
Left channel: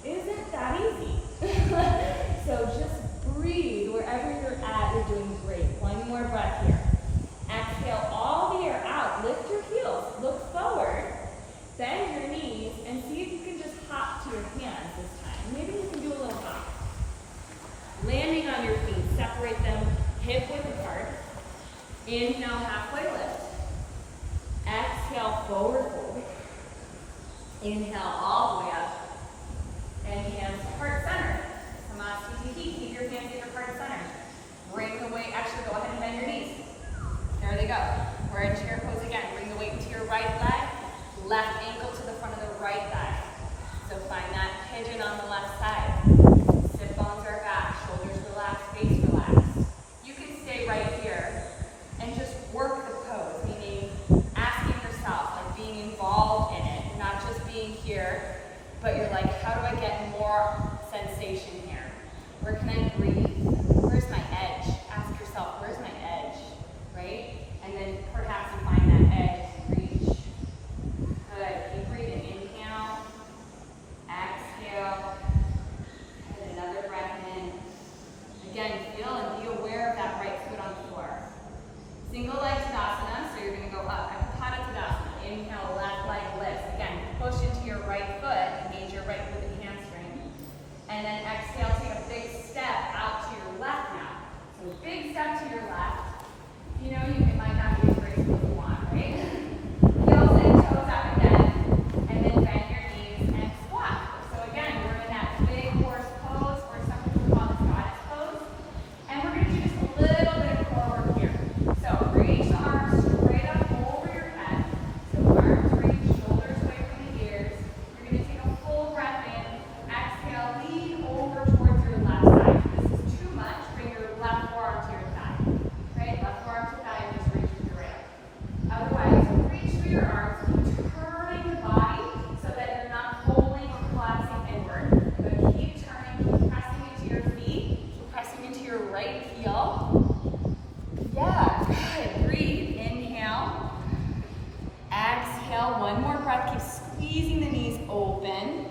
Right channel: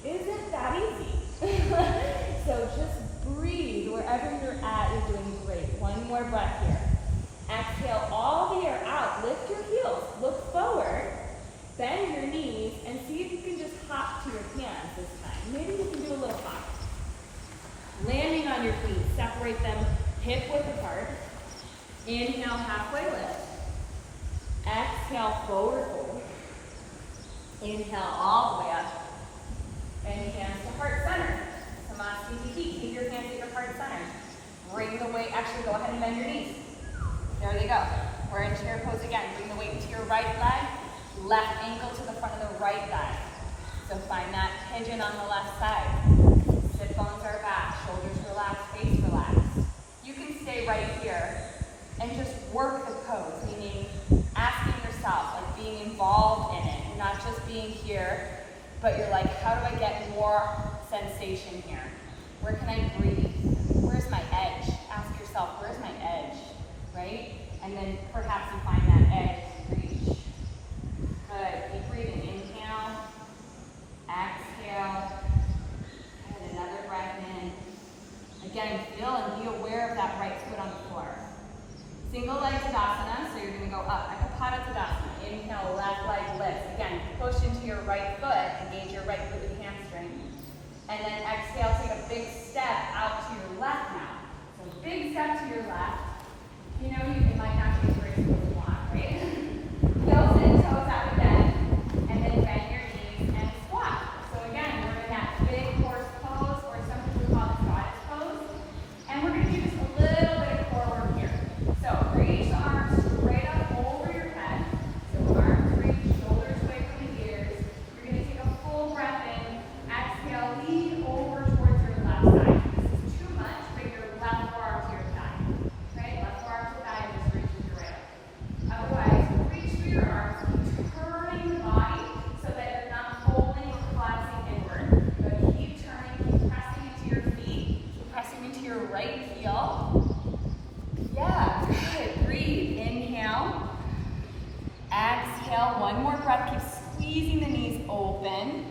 isn't that easy. So just breathe wherever you're at. You're doing great. One more breath here. Exhale all the air out. Lift your heels. Look forward. Bend your knees and see if you can just hop to your hands this time. Maybe you can do a little hop. Landing on your feet. Separate them hip width apart. Inhale, halfway lift. Exhale, forward fold. Inhale all the way up. And hands to heart center. Samasthiti. Keep your hands at your heart center. Bring the weight, actually go ahead and bend your knees. There they go. We're in chair pose again. Bring the weight into your right leg, left ankle to the front of the right thigh. So find that pigeon on the left side. Hip bones are back, shoulders relaxed, face relaxed. You can stay right here and just work the pose, meaning asking yourself, like being involved in it. You're not just being here, but you're like, how do I get more sensation here? Where can I breathe? Where's my edge? Ask yourself, where's my edge? Right? And then perhaps you find that edge to reach. Good. Keep breathing. Inhale. Exhale. And another breath in. Again, feel and be aware of that right foot on the floor. Single leg Tadasana, so you're going to go up. Ekapada Tadasana. Inhale, left leg lifts. Again, push into your right foot. Engage your right glute and hamstring. And then exhale, take a big step out to your left now. So big step to your left. You know, it might not be as graceful as you want, right? Heels and toes out again, and then bend your knees and squat. So again, we're in that big horse pose, or some people call this goddess pose. And we're going to do just a little bit of core work here. So reach the arms straight up over your head. So arms reach, shoulders away from the ears. You're going to take a full breath in. Exhale, lean over towards your left side. If this is too much, bring your left forearm to your thigh. Right? Left forearm to thigh, and just reach with your right arm. Otherwise, reach through your arms, turning the body so that you're not pulling or collapsing inward. But keep turning, keep pressing into your feet, pressing into your right heel. Yeah, good. Breathe. Inhale. Exhale. One more breath. Keep squeezing the knees open.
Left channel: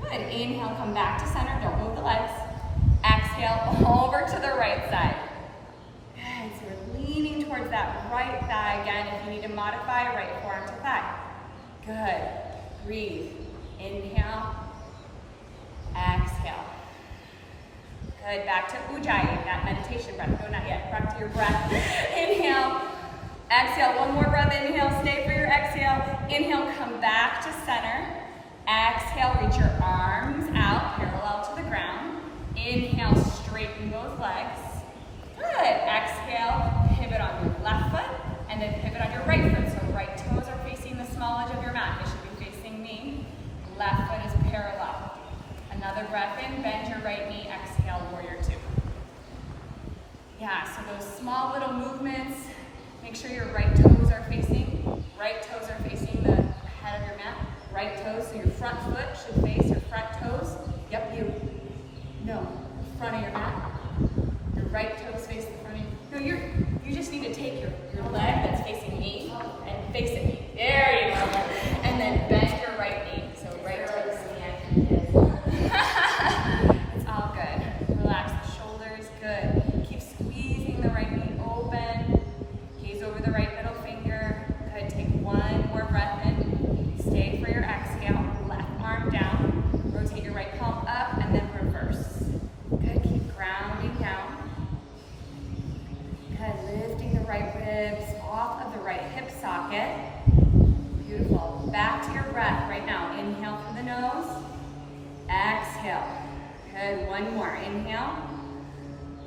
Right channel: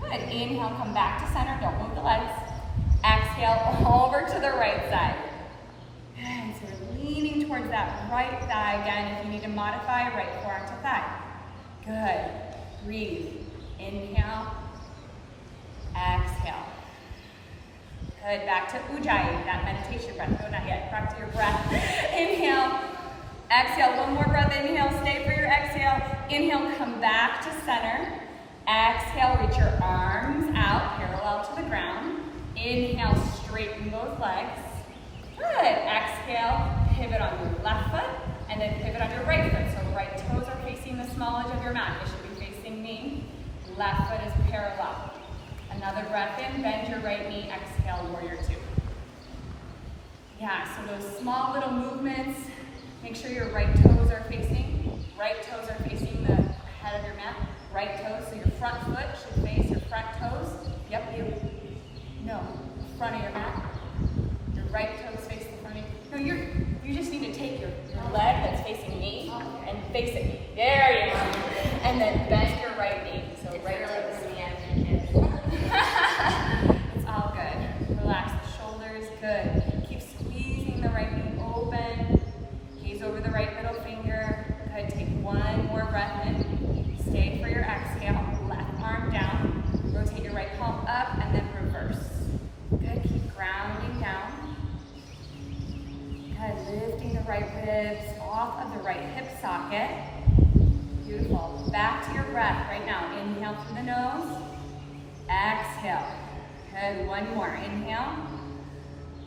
Good. Inhale, come back to center. Don't move the legs. Exhale, over to the right side. Good. So we're leaning towards that right thigh again. If you need to modify, right forearm to thigh. Good. Breathe. Inhale. Exhale. Good. Back to Ujjayi, that meditation breath. No, not yet. Back to your breath. Inhale. Exhale. One more breath. Inhale. Stay for your exhale. Inhale. Come back to center. Exhale, reach your arms out, parallel to the ground. Inhale, straighten both legs. Good. Exhale, pivot on your left foot, and then pivot on your right foot. So right toes are facing the small edge of your mat. They should be facing me. Left foot is parallel. Another breath in, bend your right knee. Exhale, warrior two. Yeah, so those small little movements, make sure your right toes are facing. Right toes are facing the head of your mat. Right toes, so your front foot should face your front toes. Yep, the front of your mat. Your right toes face the front of you. No, you just need to take your leg that's facing me and face it. There you go. And then bend your right knee. So right toes. It's all good. Relax the shoulders. Good. Keep squeezing the right knee open. Gaze over the right middle finger. Good. Take one more breath in. Stay for your exhale. Left arm down. Rotate your right palm up and then reverse. Good. Keep grounding down. Good. Lifting the right ribs off of the right hip socket. Beautiful. Back to your breath right now. Inhale through the nose. Exhale. Good. One more. Inhale.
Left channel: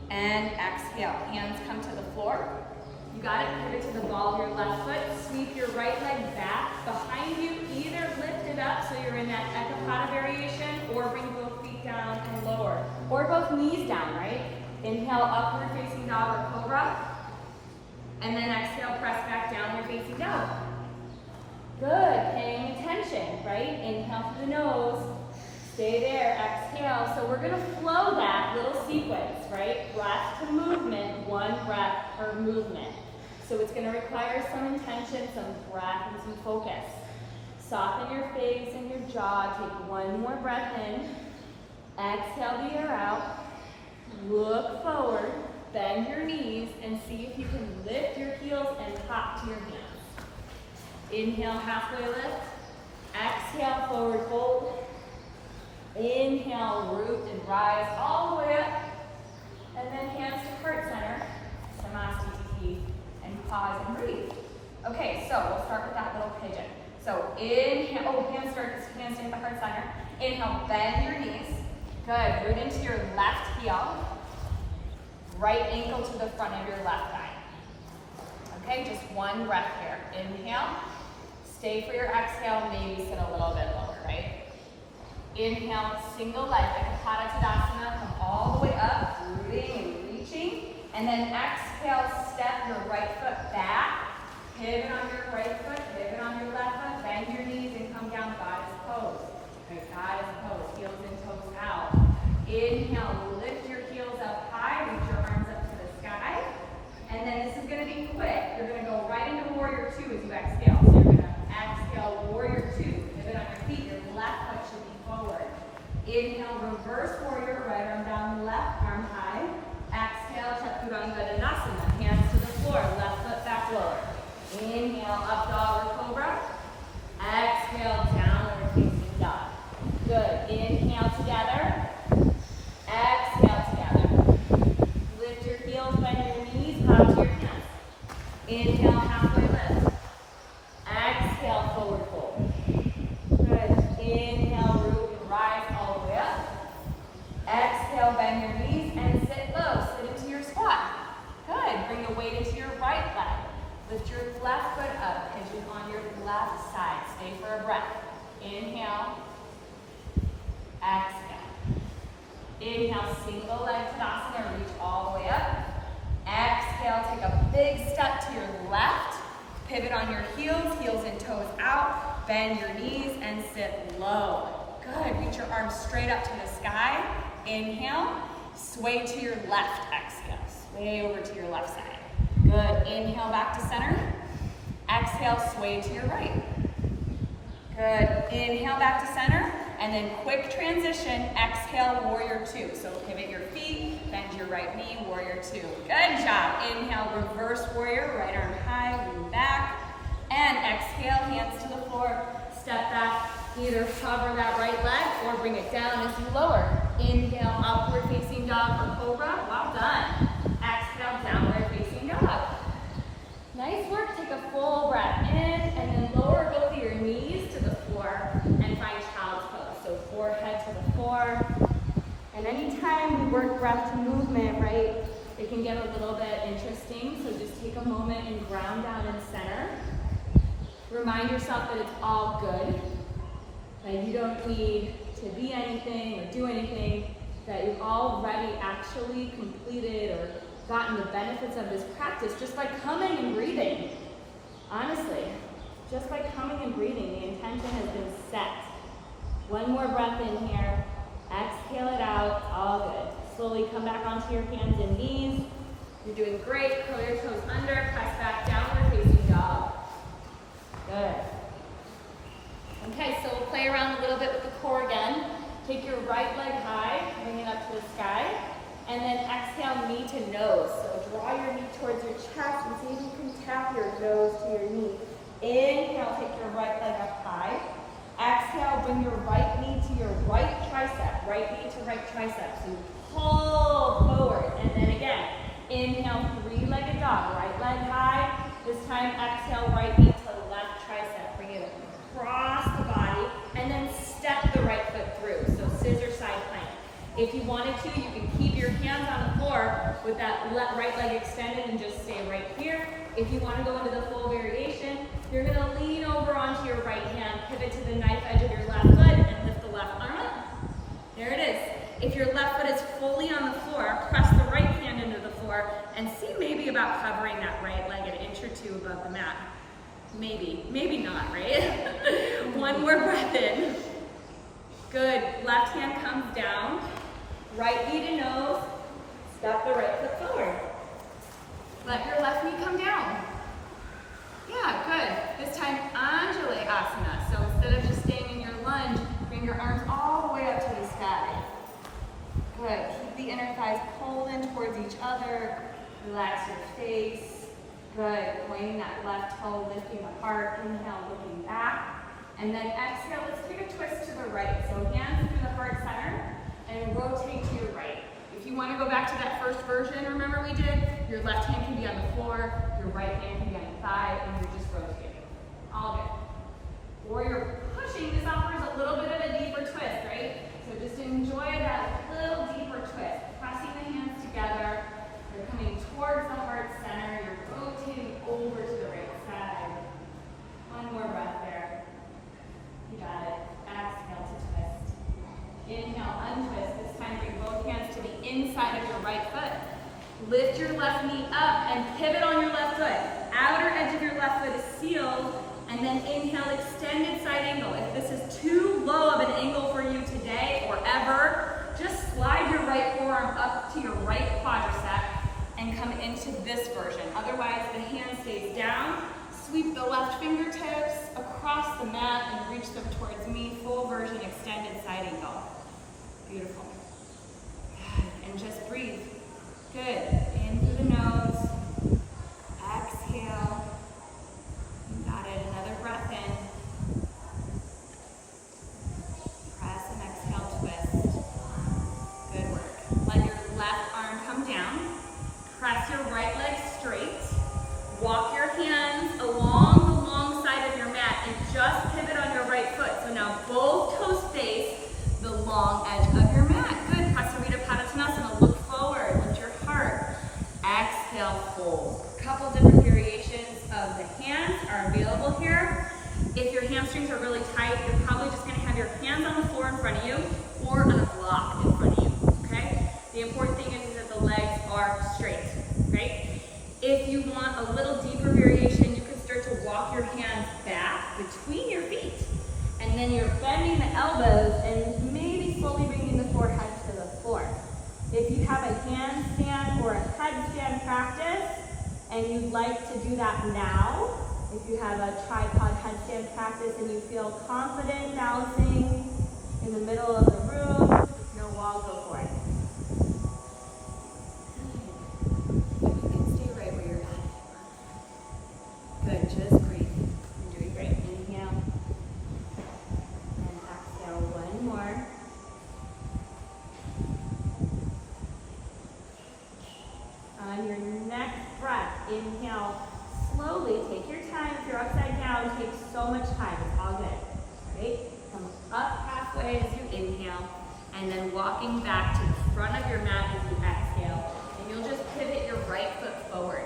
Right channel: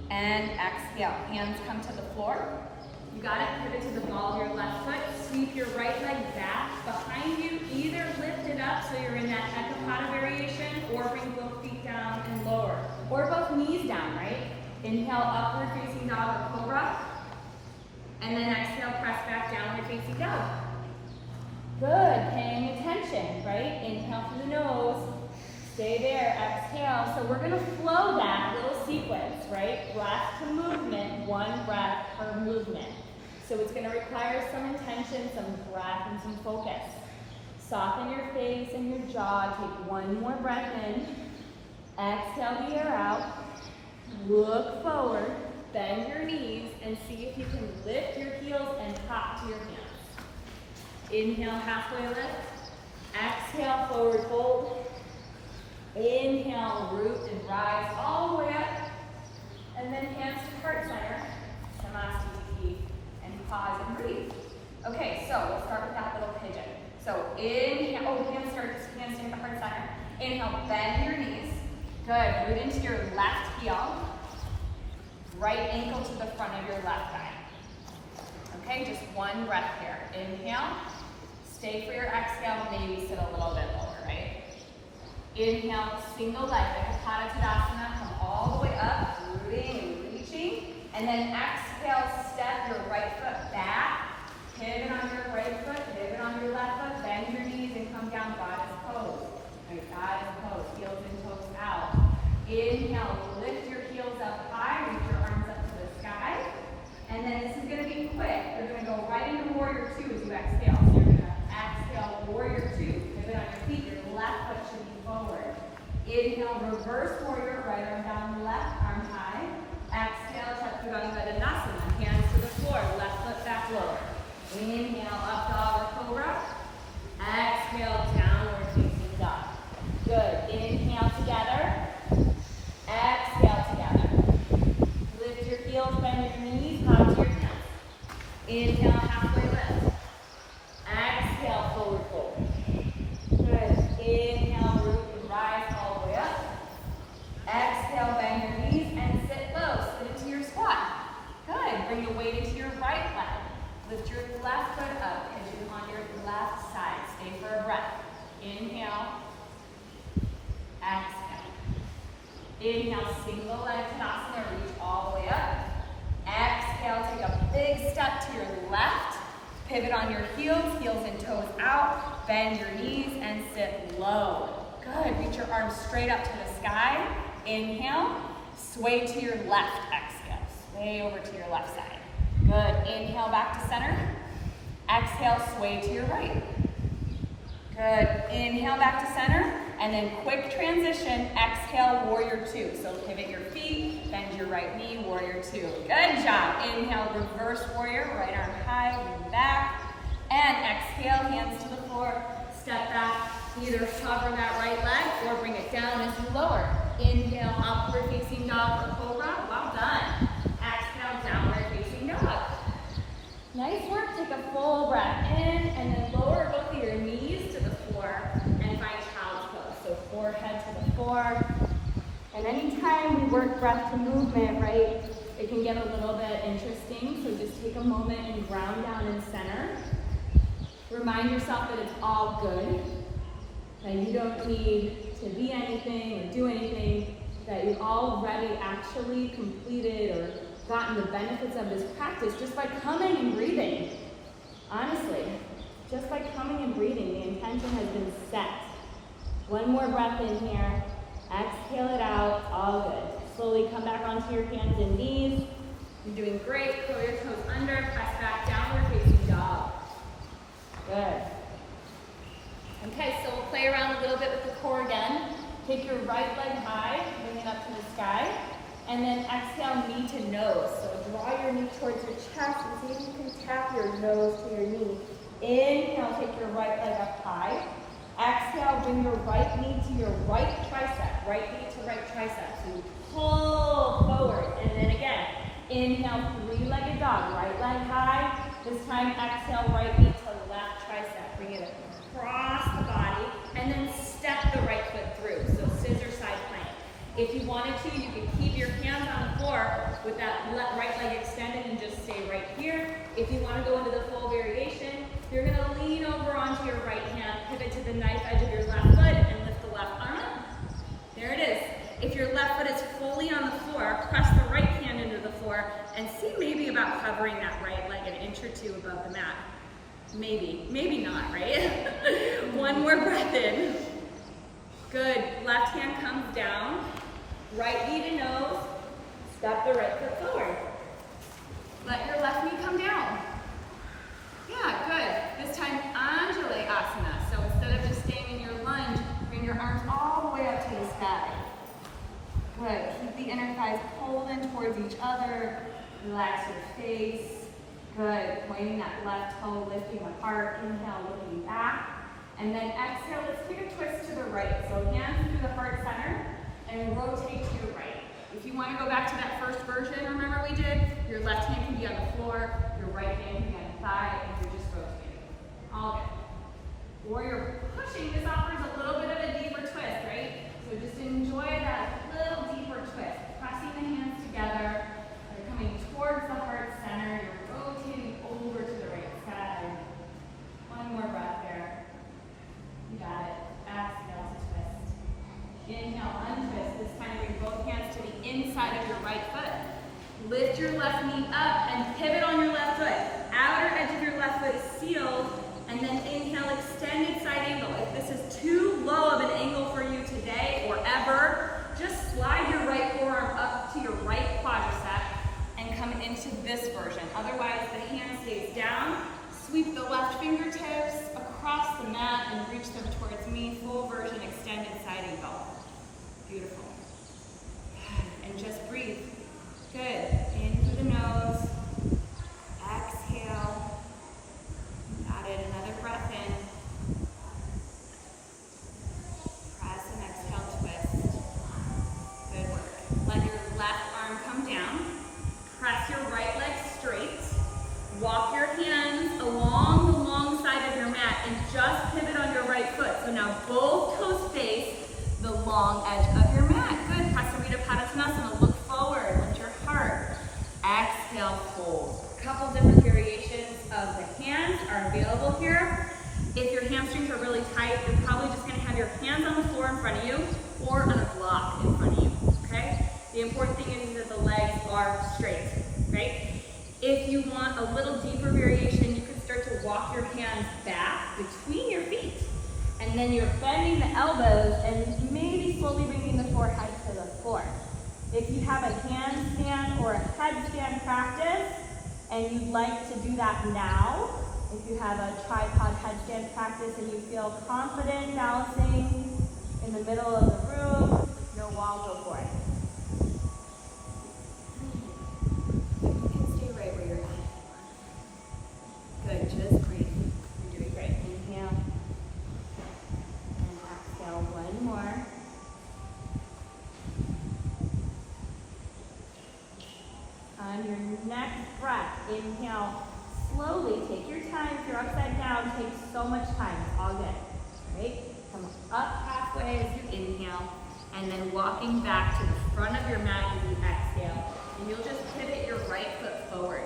And exhale. Hands come to the floor. You got it. Pivot to the ball of your left foot. Sweep your right leg back behind you. Either lift it up so you're in that Ekapada variation, or bring both feet down and lower. Or both knees down, right? Inhale, upward facing dog or cobra. And then exhale, press back, downward facing dog. Good. Paying attention, right? Inhale through the nose. Stay there, exhale. So we're gonna flow that little sequence, right? Breath to movement, one breath per movement. So it's gonna require some intention, some breath, and some focus. Soften your face and your jaw. Take one more breath in. Exhale the air out. Look forward, bend your knees, and see if you can lift your heels and hop to your hands. Inhale, halfway lift. Exhale, forward fold. Inhale, root and rise all the way up. And then hands to heart center, Samasthiti, and pause and breathe. Okay, so we'll start with that little pigeon. So inhale, hands to hit the heart center. Inhale, bend your knees. Good, root into your left heel. Right ankle to the front of your left thigh. Okay, just one breath here. Inhale, stay for your exhale, maybe sit a little bit lower, right? Inhale, single leg, like a Pada Tadasana, come all the way up, rooting and reaching. And then exhale, step your right foot back, pivot on your right foot, pivot on your left foot, bend your knees and come down, goddess pose. Right, goddess pose, heels and toes out. Inhale, lift your heels up high, reach your arms up to the sky. And then this is gonna be quick. You're gonna go right into warrior two as you exhale. So you're gonna exhale, warrior two. Pivot on your feet, your left foot should be forward. Inhale, reverse warrior, right arm down, left arm high. Exhale, Chaturanga Dandasana, hands to the floor, left foot back lower. Inhale, up dog or cobra. Exhale, downward facing dog. Good, inhale together. Exhale together. Lift your heels, bend your knees, hug to your hands. Inhale, halfway lift. Exhale, forward fold. Good. Inhale, root and rise all the way up. Exhale, bend your knees and sit low. Sit into your squat. Good. Bring your weight into your right leg. Lift your left foot up. Pigeon on your left side. Stay for a breath. Inhale. Exhale. Inhale, single leg Tadasana, reach all the way up. Exhale, take a big step to your left. Pivot on your heels, heels and toes out. Bend your knees and sit low. Good, reach your arms straight up to the sky. Inhale, sway to your left, exhale. Sway over to your left side. Good, inhale back to center. Exhale, sway to your right. Good, inhale back to center. And then quick transition, exhale, warrior two. So pivot your feet, bend your right knee, warrior two. Good job. Inhale, reverse warrior, right arm high, lean back. And exhale, hands to the floor, step back. Either hover that right leg or bring it down as you lower. Inhale, upward facing dog or cobra. Well done. Exhale, downward facing dog. Nice work. Take a full breath in and then lower both of your knees to the floor and find child's pose. So forehead to the floor. And anytime we work breath to movement, right, it can get a little bit interesting. So just take a moment and ground down in center. Remind yourself that it's all good, that you don't need to be anything or do anything, that you've already actually completed or gotten the benefits of this practice just by coming and breathing. Honestly, just by coming and breathing, the intention has been set. One more breath in here. Exhale it out. All good. Slowly come back onto your hands and knees. You're doing great. Curl your toes under. Press back. Downward facing dog. Good. Okay, so we'll play around a little bit with the core again. Take your right leg high. Bring it up to the sky. And then exhale, knee to nose. So draw your knee towards your chest and see if you can tap your nose to your knee. Inhale, take your right leg up high. Exhale, bring your right knee to your right tricep. Right knee to right tricep. So you pull forward. And then again, inhale, three-legged dog. Right leg high. This time, exhale, right knee to left tricep. Bring it across the body. And then step the right foot through. So scissor side plank. If you wanted to, you can keep your hands on the floor with that right leg extended and just stay right here. If you want to go into the full variation, you're going to lean over onto your right hand, pivot to the knife edge of your left foot, and lift the left arm up. There it is. If your left foot is fully on the floor, press the right hand into the floor and see maybe about covering that right leg an inch or two above the mat. Maybe not, right? One more breath in. Good. Left hand comes down. Right knee to nose. Step the right foot forward. Let your left knee come down. Yeah, good. This time, Anjali Asana. So instead of just staying in your lunge, bring your arms all the way up to the sky. Good. Keep the inner thighs pulled in towards each other. Relax your face. Good. Pointing that left toe, lifting the heart. Inhale, looking back. And then exhale, let's take a twist to the right. So hands through the heart center and rotate to your right. If you want to go back to that first version, remember we did, your left hand can be on the floor, your right hand can be on the thigh, and you're just rotating. All good. Or you're pushing, this offers a little bit of a deeper twist, right? So just enjoy that little deeper twist. Pressing the hands together, they're coming towards the heart center, you're rotating over to the right side. One more breath there. You got it. Exhale to twist. Inhale, untwist. This time bring both hands to the inside of your right foot. Lift your left knee up and pivot on your left foot. Outer edge of your left foot is sealed. And then inhale, extended side angle. If this is too low of an angle for you today or ever, just slide your right forearm up to your right quadricep and come into this version. Otherwise, the hand stays down. Sweep the left fingertips across the mat and reach them towards me. Full version, extended side angle. Beautiful. Good. And just breathe. Good. In through the nose. Exhale. You got it. Another breath in. Press and exhale, twist. Good work. Let your left arm come down. Press your right leg straight. Walk your hands along the long side of your mat and just pivot on your right foot. So now both toes face the long edge of your mat. Good. Prasarita Padottanasana. Look forward. Lift your heart. Exhale, fold. A couple different variations of the hands are available here. If your hamstrings are really tight, you're probably just going to have your hands on the floor in front of you or on a block in front of you. Okay? The important thing is that the legs are straight. Right? If you want a little deeper variation, you can start to walk your hands back between your feet. And then you're bending the elbows and maybe slowly bringing the forehead to the floor. If you have a handstand or a headstand practice, and you'd like to do that now, if you have a tripod headstand practice and you feel confident balancing in the middle of the room, no wall, go for it. Good, just breathe. You're doing great. Inhale. And exhale, one more. On your next breath, inhale. Slowly, take your time. If you're upside down, take so much time. It's all good. All right? Come up halfway as you inhale. And then walking back to the front of your mat as you exhale. And you'll just pivot your right foot forward.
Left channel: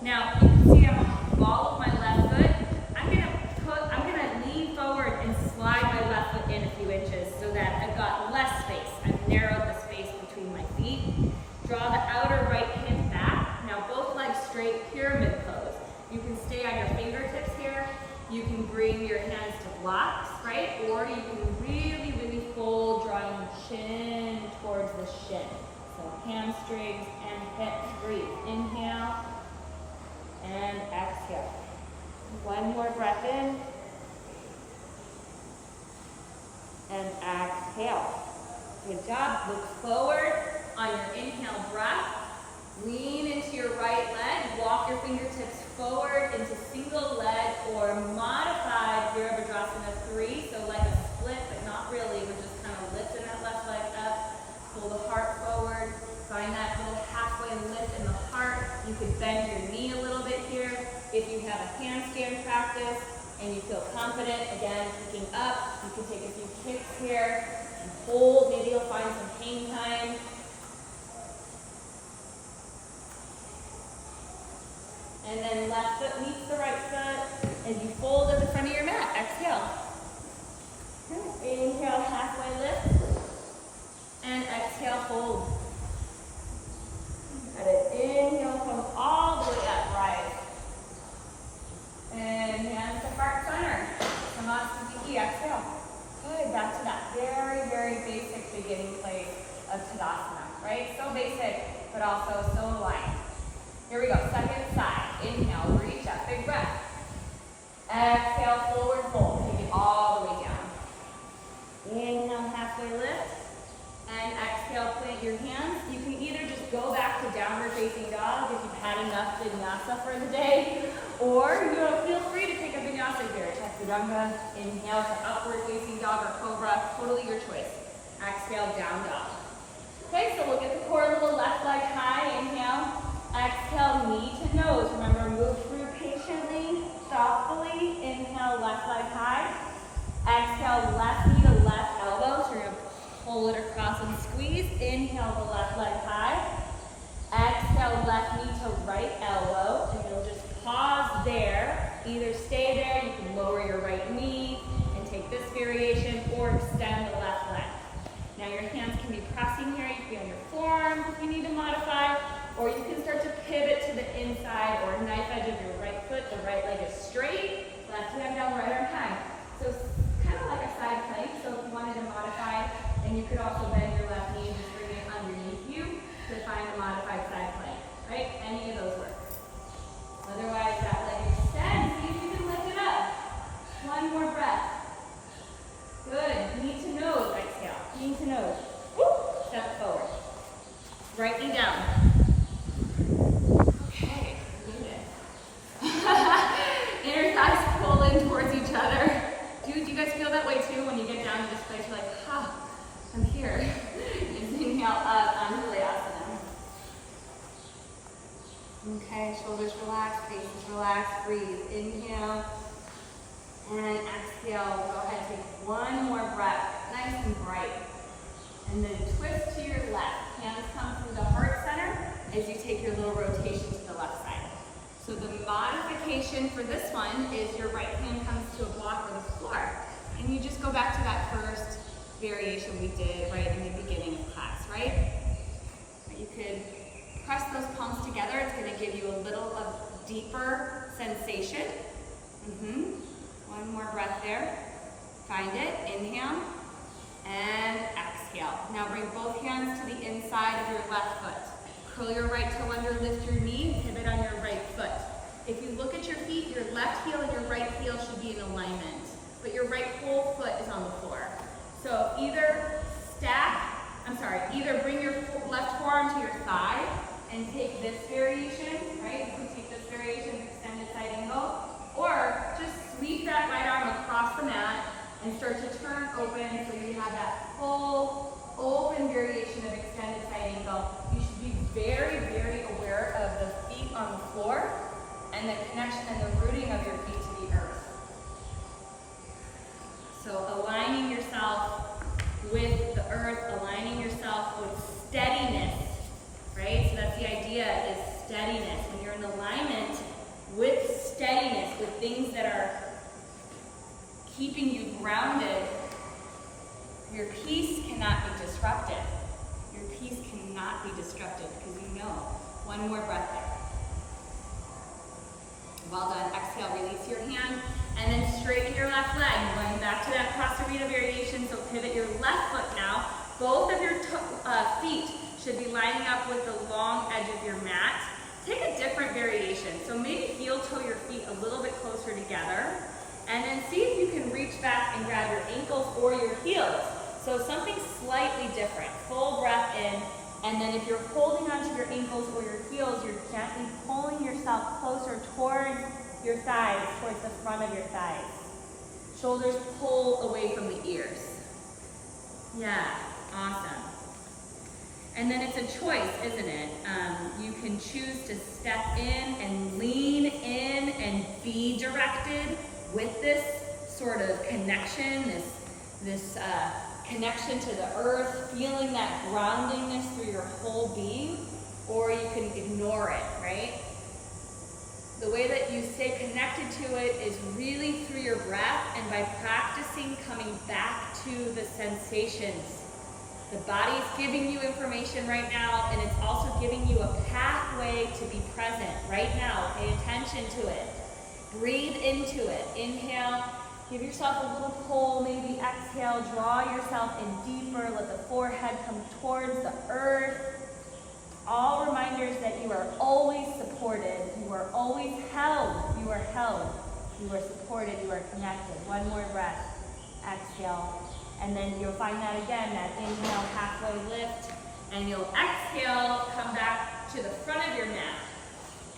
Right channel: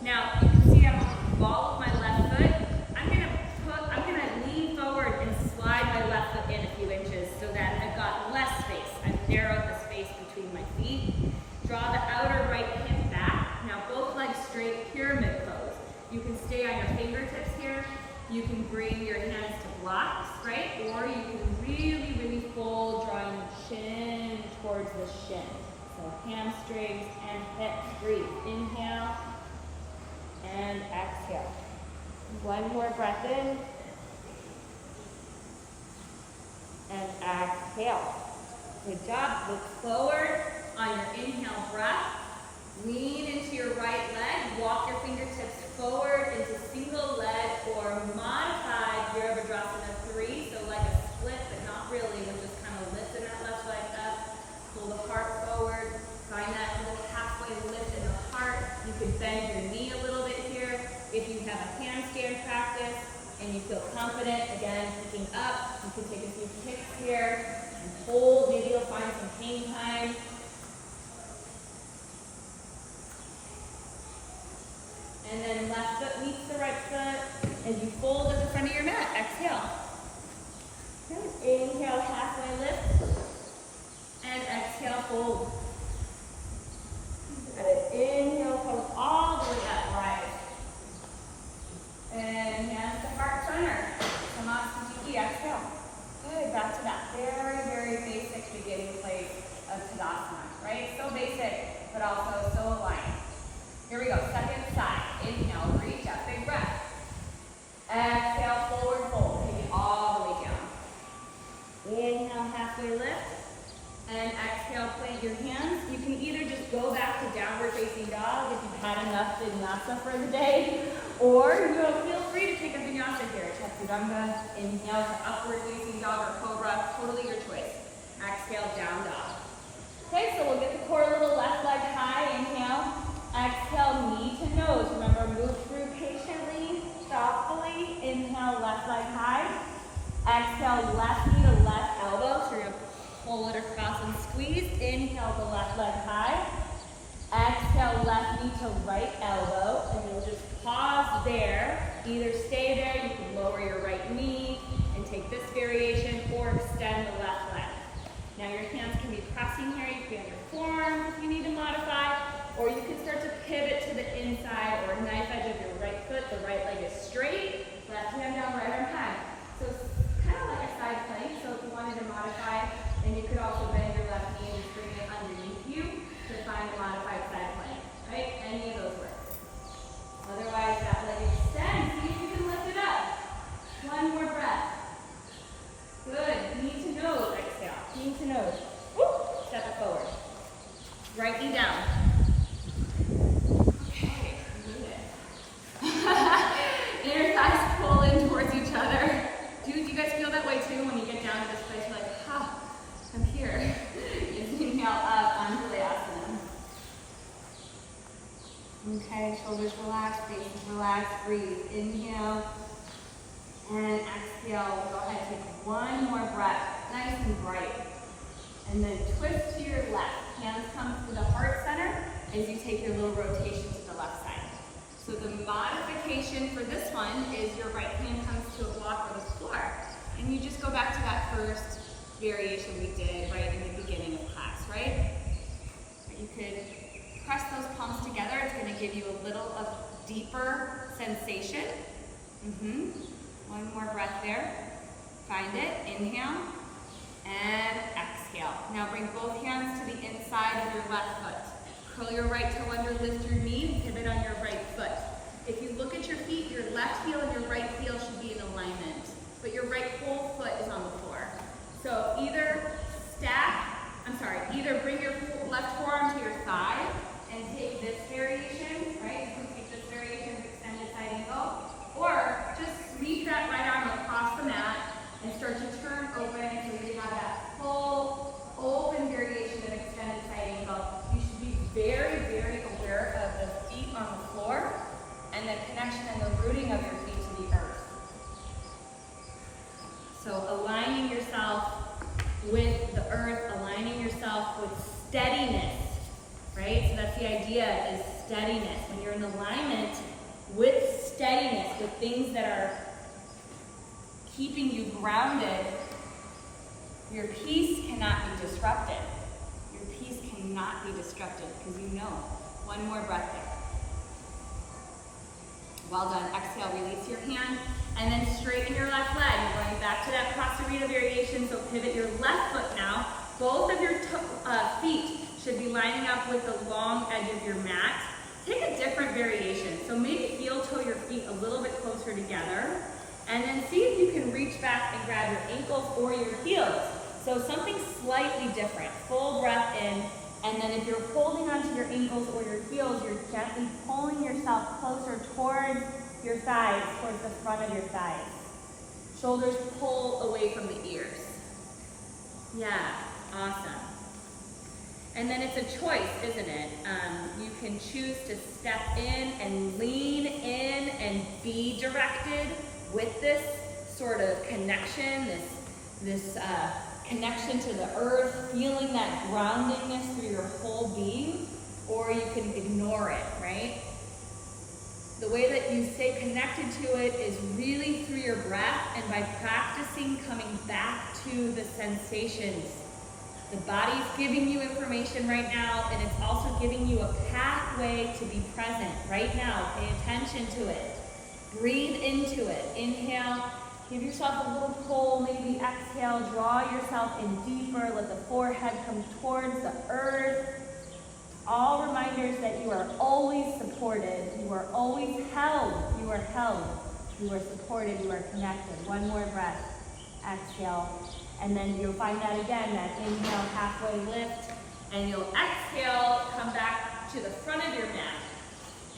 Now, you can see I'm on the ball of my left foot. I'm gonna lean forward and slide my left foot in a few inches so that I've got less space. I've narrowed the space between my feet. Draw the outer right hip back. Now both legs straight, pyramid pose. You can stay on your fingertips here. You can bring your hands to blocks, right? Or you can really, really fold, drawing the chin towards the shin. So hamstrings and hips, breathe. Inhale. And exhale. One more breath in. And exhale. Good job. Look forward on your inhale breath. Lean into your right leg. Walk your fingertips forward into single leg or modified Virabhadrasana 3. So like a split, but not really. We're just kind of lifting that left leg up. Pull the heart forward. Find that little halfway lift in the heart. You can bend your knee a little bit here. If you have a handstand practice and you feel confident, again, picking up, you can take a few kicks here and hold. Maybe you'll find some pain time. And then left foot meets the right foot as you fold at the front of your mat. Exhale. Good. Inhale, halfway lift. And exhale, fold. Got it. Inhale, come all the way up, right. And hands to heart center. Samasthiti, exhale. Good, back to that very of Tadasana, right? So basic, but also so aligned. Here we go, second side. Inhale, reach up, big breath. Exhale, forward fold, take it all the way down. Inhale, halfway lift. And exhale, plant your hands. You can either just go back to downward facing dog if you've had enough vinyasa for the day, or feel free to take a vinyasa here. Chaturanga, inhale to upward facing dog or cobra, totally your choice. Exhale, down dog. Okay, so we'll get the core a little left leg high, inhale. Exhale, knee to nose. Remember, move through patiently, thoughtfully. Inhale, left leg high. Exhale, left knee to left elbow. So you're going to pull it across and squeeze. Inhale, the left leg high. Exhale, left knee to right elbow. And you'll just pause there. Either stay there, you can lower your right knee and take this variation, or extend the left leg. Now your hands can be pressing here. You can be on your forearms if you need to modify. Or you can start to pivot to the inside or knife edge of your right foot. The right leg is straight. Left hand down, right arm high. So it's kind of like a side plank. So if you wanted to modify, then you could also bend your left knee and just bring it underneath you to find a modified side plank. Right? Any of those work. Otherwise, that leg extends. See if you can lift it up. One more breath. Good. Knee to nose. Exhale. Knee to nose. Woo. Step it forward. Right knee down. Okay. Inner thighs pull in towards each other. Do you guys feel that way too when you get down to this place? You're like, I'm here. Inhale up, Anjali Mudra. Okay, shoulders relaxed, faces relaxed. Breathe. Inhale. And exhale. Go ahead, take one more breath. Nice and bright. And then twist to your left. Hands come through the heart center as you take your little rotation to the left side. So the modification for this one is your right hand comes to a block or the floor. And you just go back to that first variation we did right in the beginning of class, right? You could press those palms together. It's going to give you a little of deeper sensation. One more breath there. Find it. Inhale. And exhale. Now bring both hands to the inside of your left foot. Curl your right toe under, lift your knee, pivot on your right foot. If you look at your feet, your left heel and your right heel should be in alignment, but your right whole foot is on the floor. So either bring your left forearm to your thigh and take this variation, right? You can take this variation, extended side angle, or just sweep that right arm across the mat and start to turn open so you have that full open variation of extended side angle. You should be very, very aware of the feet on the floor and the connection and the rooting of your feet to the earth. So aligning yourself with the earth, aligning yourself with steadiness, right? So that's the idea, is steadiness. When you're in alignment with steadiness, with things that are keeping you grounded, your peace cannot be disrupted. Your peace cannot be disrupted because you know. One more breath there. Well done. Exhale, release your hand, and then straighten your left leg. You're going back to that Prasarita variation, so pivot your left foot now. Both of your feet should be lining up with the long edge of your mat. Take a different variation. So maybe heel toe your feet a little bit closer together, and then see if you can reach back and grab your ankles or your heels. So something slightly different. Full breath in, and then if you're holding onto your ankles or your heels, you're gently pulling yourself closer towards your thighs, towards the front of your thighs. Shoulders pull away from the ears. Yeah, awesome. And then it's a choice, isn't it? You can choose to step in and lean in and be directed with this sort of connection, this connection to the earth, feeling that groundingness through your whole being, or you can ignore it, right? The way that you stay connected to it is really through your breath and by practicing coming back to the sensations. The body's giving you information right now, and it's also giving you a pathway to be present right now. Pay attention to it. Breathe into it. Inhale, Give yourself a little pull, maybe exhale, draw yourself in deeper, let the forehead come towards the earth. All reminders that you are always supported, you are always held, you are held, you are supported, you are connected. One more breath, exhale, and then you'll find that again, that inhale, halfway lift, and you'll exhale, come back to the front of your mat.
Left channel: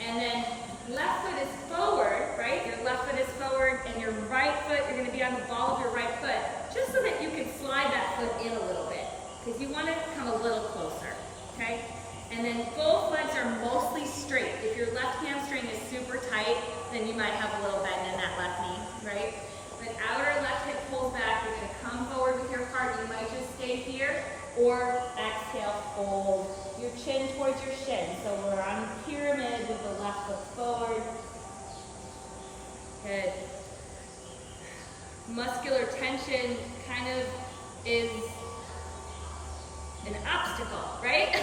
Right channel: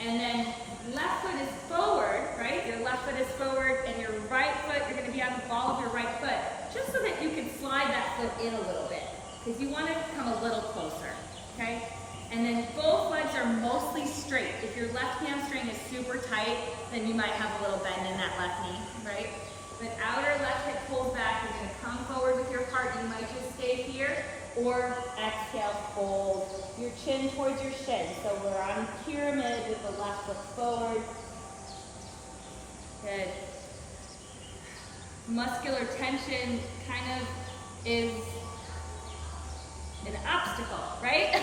And then left foot is forward, right? Your left foot is forward, and your right foot, you're going to be on the ball of your right foot, just so that you can slide that foot in a little bit, because you want to come a little closer, okay? And then both legs are mostly straight. If your left hamstring is super tight, then you might have a little bend in that left knee, right? But outer left hip pulls back. You're going to come forward with your heart. You might just stay here, or exhale, fold your chin towards your shin. So we're on a pyramid with the left foot forward. Good. Muscular tension kind of is an obstacle, right?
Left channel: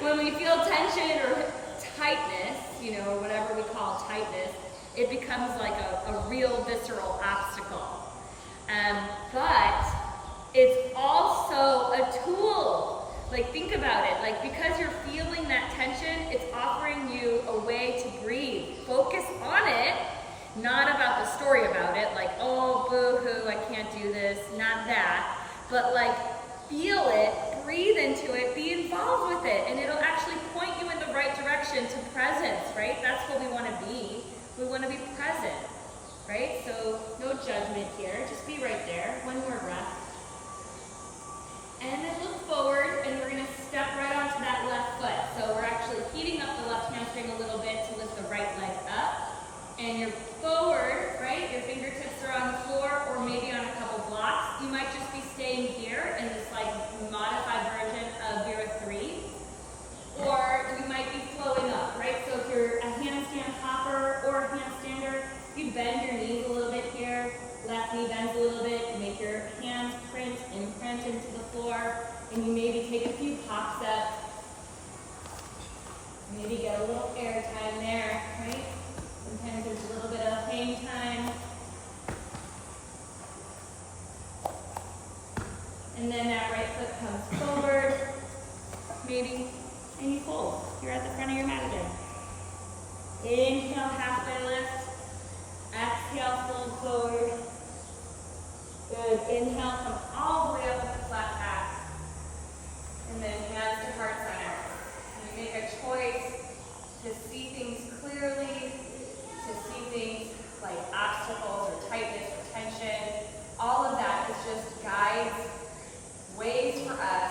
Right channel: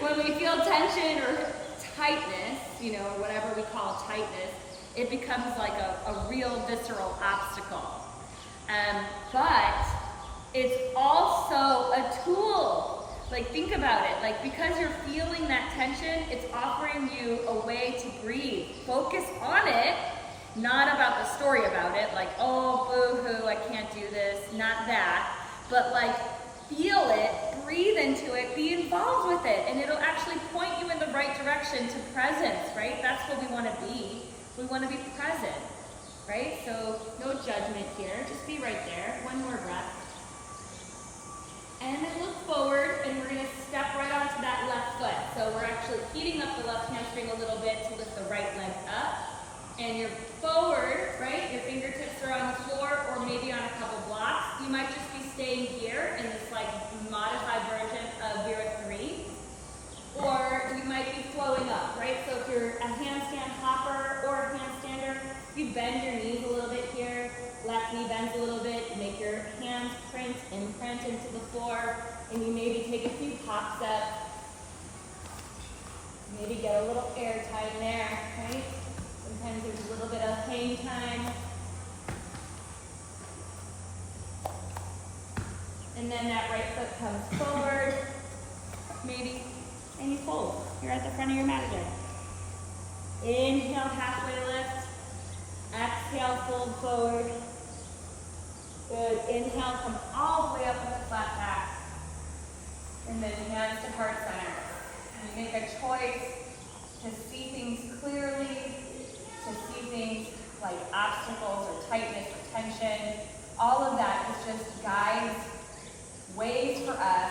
When we feel tension or tightness, you know, or whatever we call tightness, it becomes like a real visceral obstacle. But it's also a tool. Like, think about it. Like, because you're feeling that tension, it's offering you a way to breathe. Focus on it, not about the story about it, like, oh, boo-hoo, I can't do this, not that. But like, feel it, breathe into it, be involved with it, and it'll actually point you in the right direction to presence, right? That's what we want to be. We want to be present, right? So no judgment here, just be right there. One more breath. And then look forward, and we're going to step right onto that left foot. So we're actually heating up the left hamstring a little bit to lift the right leg up. And you're forward, right? Your fingertips are on the floor or maybe on a couple blocks. You might just be staying here in this like modified version of Vera 3. Or you might be flowing up, right? So if you're a handstand hopper or a handstander, you bend your knees a little bit here. Left knee bends a little bit. You make your hands imprint into the floor. And you maybe take a few hop steps. Maybe get a little air time there, right? Sometimes there's a little bit of hang time. And then that right foot comes forward, maybe, and you fold. You're at the front of your mat again. Inhale, halfway lift. Exhale, fold forward. Good. Inhale, come all the way up with a flat back. And then hands to heart center. And you make a choice to see things clearly, to see things like obstacles or tightness or tension. All of that is just guides, ways for us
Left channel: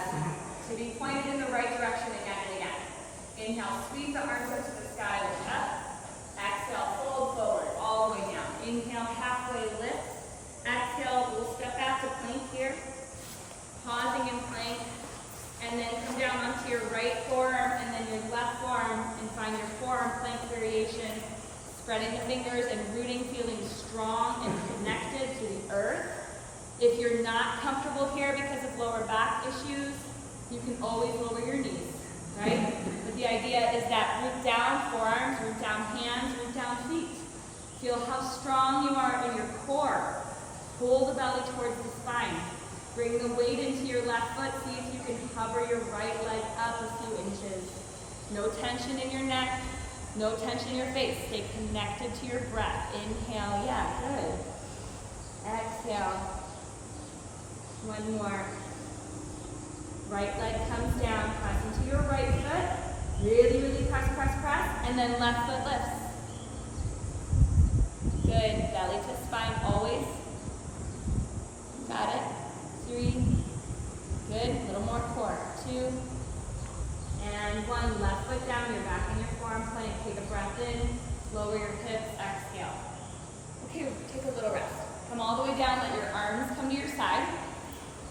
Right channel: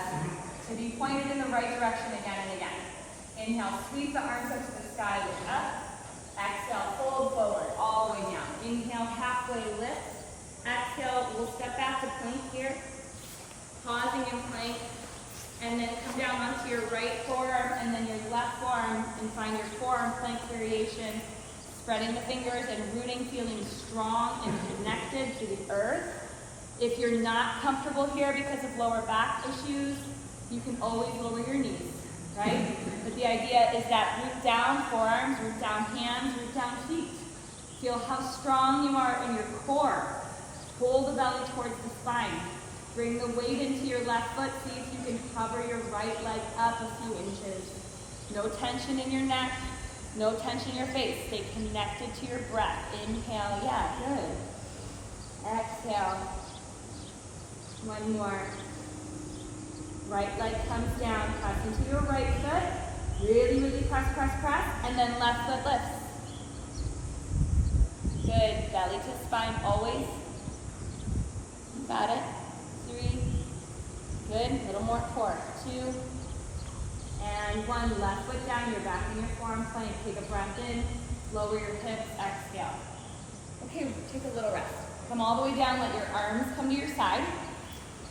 to be pointed in the right direction again and again. Inhale, sweep the arms up to the sky, lift up. Exhale, fold forward, all the way down. Inhale, halfway lift. Exhale, we'll step back to plank here. Pausing in plank. And then come down onto your right forearm and then your left forearm and find your forearm plank variation. Spreading the fingers and rooting, feeling strong and connected to the earth. If you're not comfortable here because of lower back issues, you can always lower your knees, right? But the idea is that root down forearms, root down hands, root down feet. Feel how strong you are in your core. Pull the belly towards the spine. Bring the weight into your left foot. See if you can hover your right leg up a few inches. No tension in your neck. No tension in your face. Stay connected to your breath. Inhale. Yeah, good. Exhale. One more. Right leg comes down. Press into your right foot. Really, really press, press, press. And then left foot lifts. Good. Belly to spine always. Got it. 3. Good. A little more core. 2. And 1. Left foot down. You're back in your forearm plank. Take a breath in. Lower your hips. Exhale. Okay, take a little rest. Come all the way down. Let your arms come to your side.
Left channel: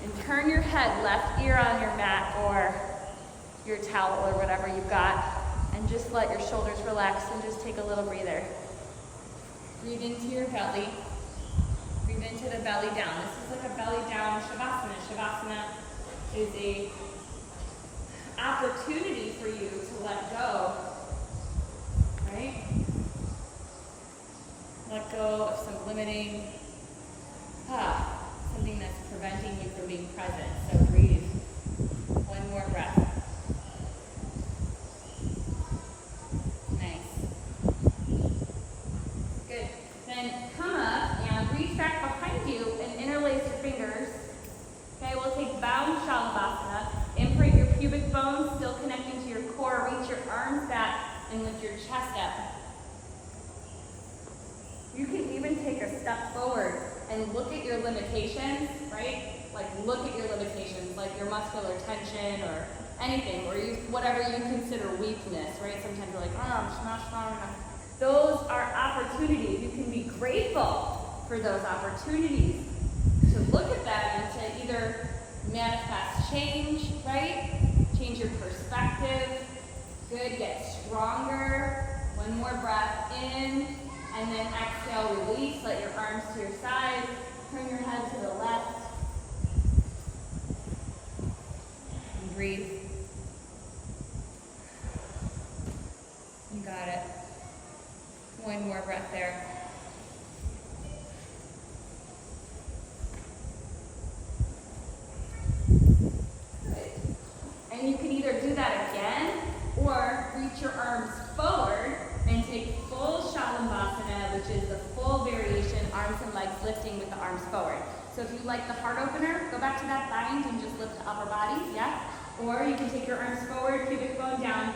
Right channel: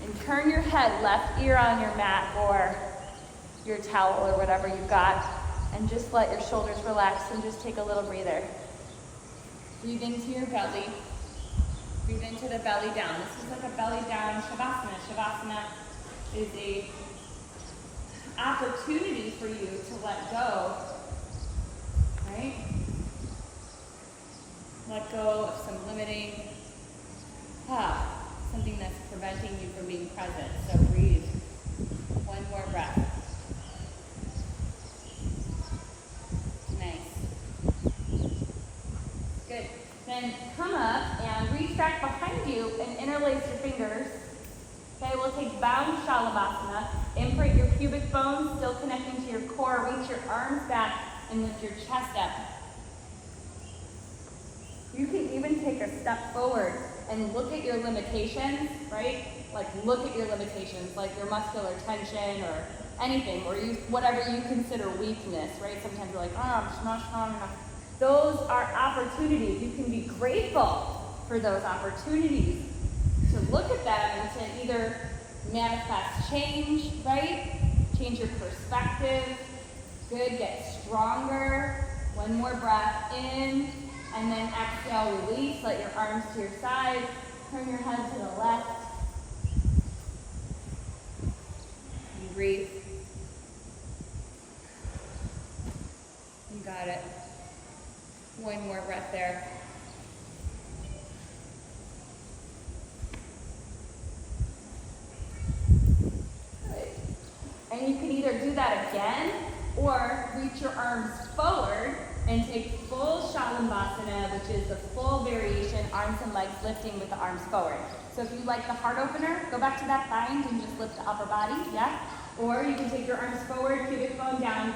And turn your head left ear on your mat or your towel or whatever you've got. And just let your shoulders relax and just take a little breather. Breathe into your belly. Breathe into the belly down. This is like a belly down Shavasana. Shavasana is a opportunity for you to let go, right? Let go of some limiting Something that's preventing you from being present. So breathe. One more breath. Nice. Good. Then come up and reach back behind you and interlace your fingers. Okay, we'll take bound Shavasana. Imprint your pubic bones, still connecting to your core. Reach your arms back and lift your chest up. You can even take a step forward and look at your limitations, right? Like look at your limitations, like your muscular tension or anything, or whatever you consider weakness, right? Sometimes you're like, I'm not strong enough. Those are opportunities. You can be grateful for those opportunities to look at them and to either manifest change, right? Change your perspective. Good, get stronger. One more breath in, and then exhale, release. Let your arms to your sides. Turn your head to the left. And breathe. You got it. One more breath there. And you can either do that again or reach your arms forward and take full Shavasana, which is the full variation, arms and legs lifting with the arms forward. So if you like the heart opener, go back to that bind and just lift the upper body, yeah? Or you can take your arms forward, pubic bone down.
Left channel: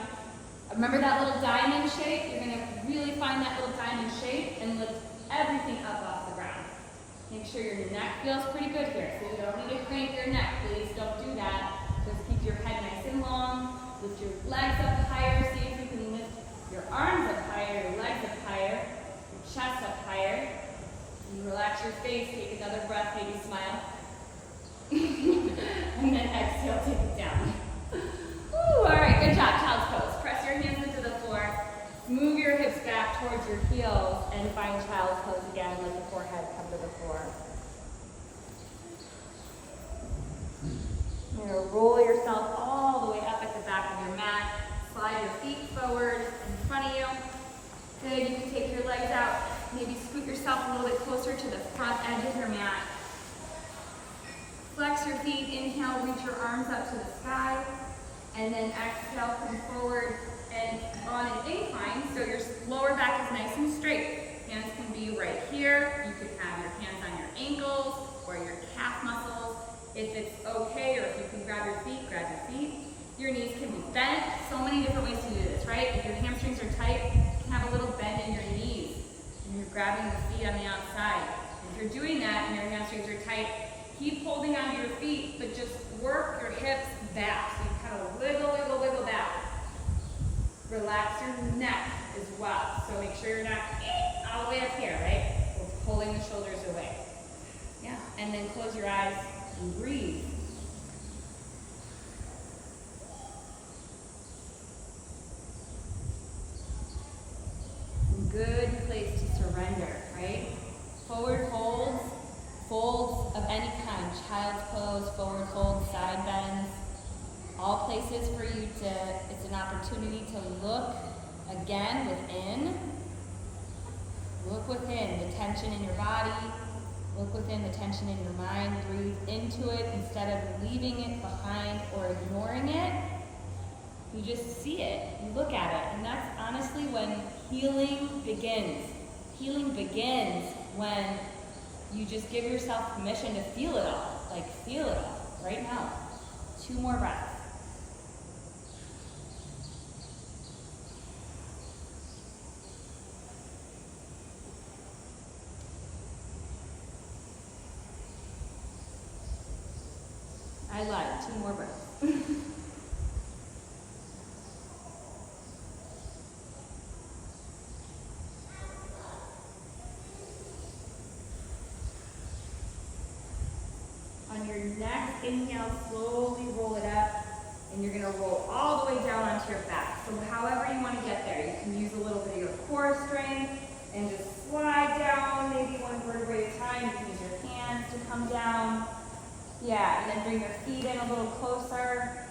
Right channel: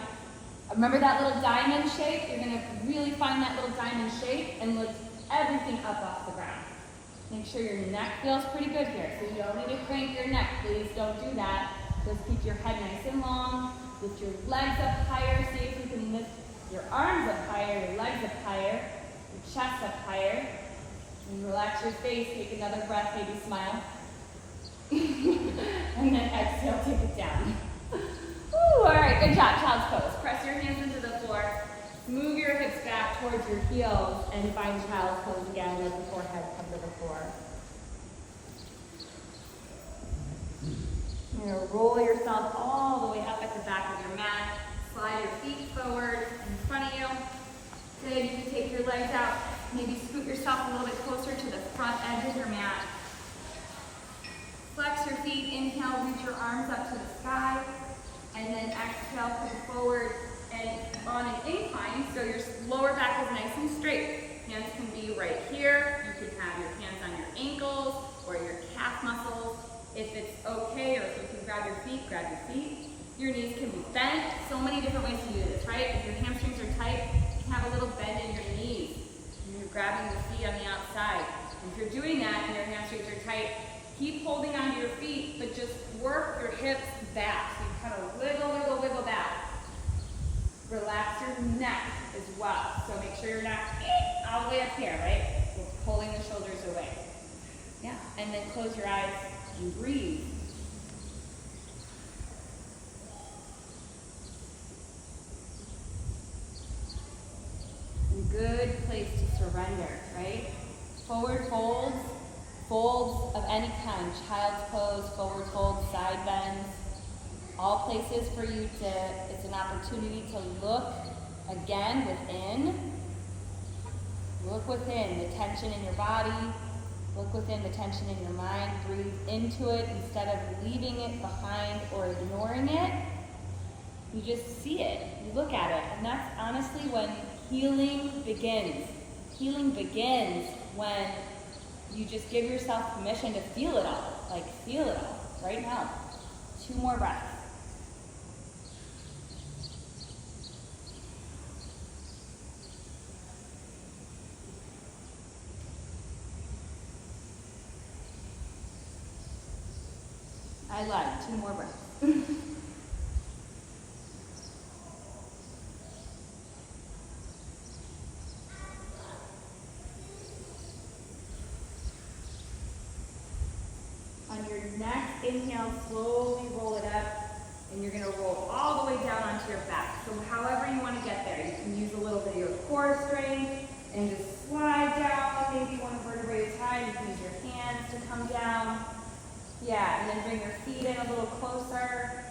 Remember that little diamond shape? You're gonna really find that little diamond shape and lift everything up off the ground. Make sure your neck feels pretty good here. So you don't need to crank your neck. Please don't do that. Just keep your head nice and long. Lift your legs up higher. See if you can lift your arms up higher, your legs up higher, your chest up higher. And relax your face. Take another breath, maybe smile. And then exhale, take it down. Ooh, all right, good job. Child's pose. Press your hands into the floor. Move your hips back towards your heels and find child's pose again. Let the forehead come to the floor. You're going to roll yourself all the way up at the back of your mat. Slide your feet forward in front of you. Good, you can take your legs out. Maybe scoot yourself a little bit closer to the front edge of your mat. Flex your feet, inhale, reach your arms up to the sky. And then exhale, come forward and on an incline, so your lower back is nice and straight. Hands can be right here. You can have your hands on your ankles or your calf muscles. If it's okay, or if you can grab your feet, grab your feet. Your knees can be bent. So many different ways to do this, right? If your hamstrings are tight, you can have a little bend in your knees. And you're grabbing the feet on the outside. And if you're doing that and your hamstrings are tight, keep holding onto your feet, but just work your hips back. So you kind of wiggle, wiggle, wiggle back. Relax your neck as well. So make sure you're not all the way up here, right? We're pulling the shoulders away. Yeah, and then close your eyes and breathe. Good place to surrender, right? Forward folds, folds of any kind, child's pose, forward folds, side bends, all places for you to, it's an opportunity to look again within. Look within the tension in your body, look within the tension in your mind, breathe into it instead of leaving it behind or ignoring it. You just see it, you look at it, and that's honestly when healing begins. Healing begins when you just give yourself permission to feel it all. Like, feel it all right now. 2 more breaths. I lied. 2 more breaths. On your next inhale, slowly roll it up, and you're gonna roll all the way down onto your back. So however you wanna get there, you can use a little bit of your core strength and just slide down, maybe 1 vertebrae at a time. You can use your hands to come down. Yeah, and then bring your feet in a little closer.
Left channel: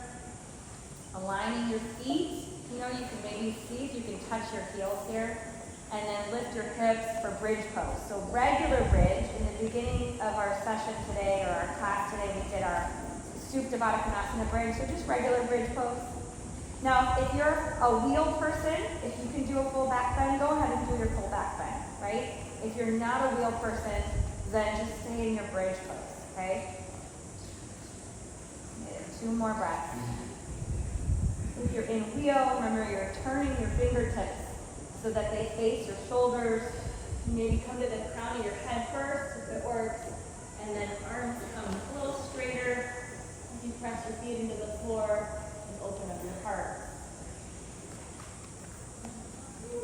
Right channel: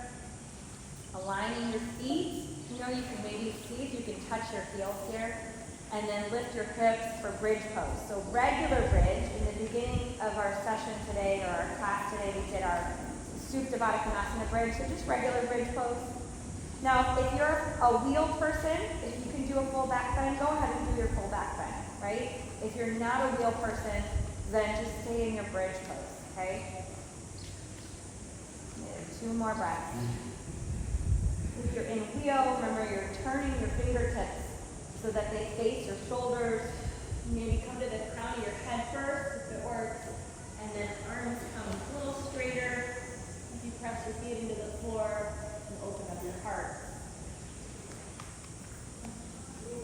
Aligning your feet. You know, you can maybe see if you can touch your heels here. And then lift your hips for bridge pose. So regular bridge, in the beginning of our session today, or our class today, we did our Supta Baddha Konasana bridge, so just regular bridge pose. Now, if you're a wheel person, if you can do a full back bend, go ahead and do your full back bend, right? If you're not a wheel person, then just stay in your bridge pose, okay? 2 more breaths. If you're in wheel, remember you're turning your fingertips so that they face your shoulders. Maybe come to the crown of your head first, if it works, and then arms come a little straighter. If you press your feet into the floor and open up your heart.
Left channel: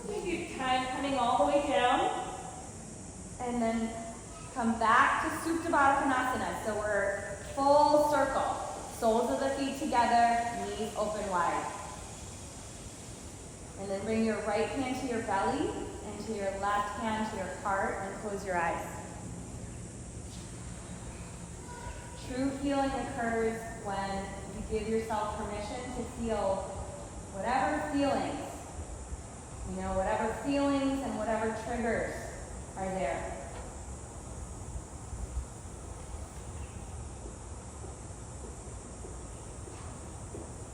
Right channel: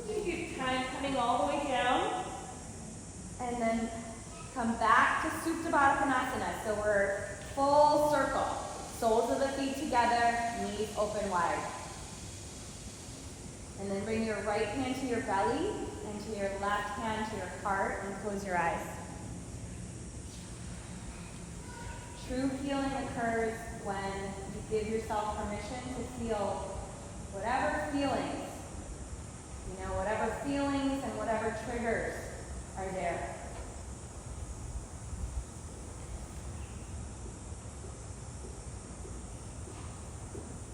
Take your time coming all the way down, and then come back to Supta Baddha Konasana. So we're full circle. Soles of the feet together, knees open wide. And then bring your right hand to your belly and to your left hand to your heart and close your eyes. True healing occurs when you give yourself permission to feel whatever feelings, whatever feelings and whatever triggers are there.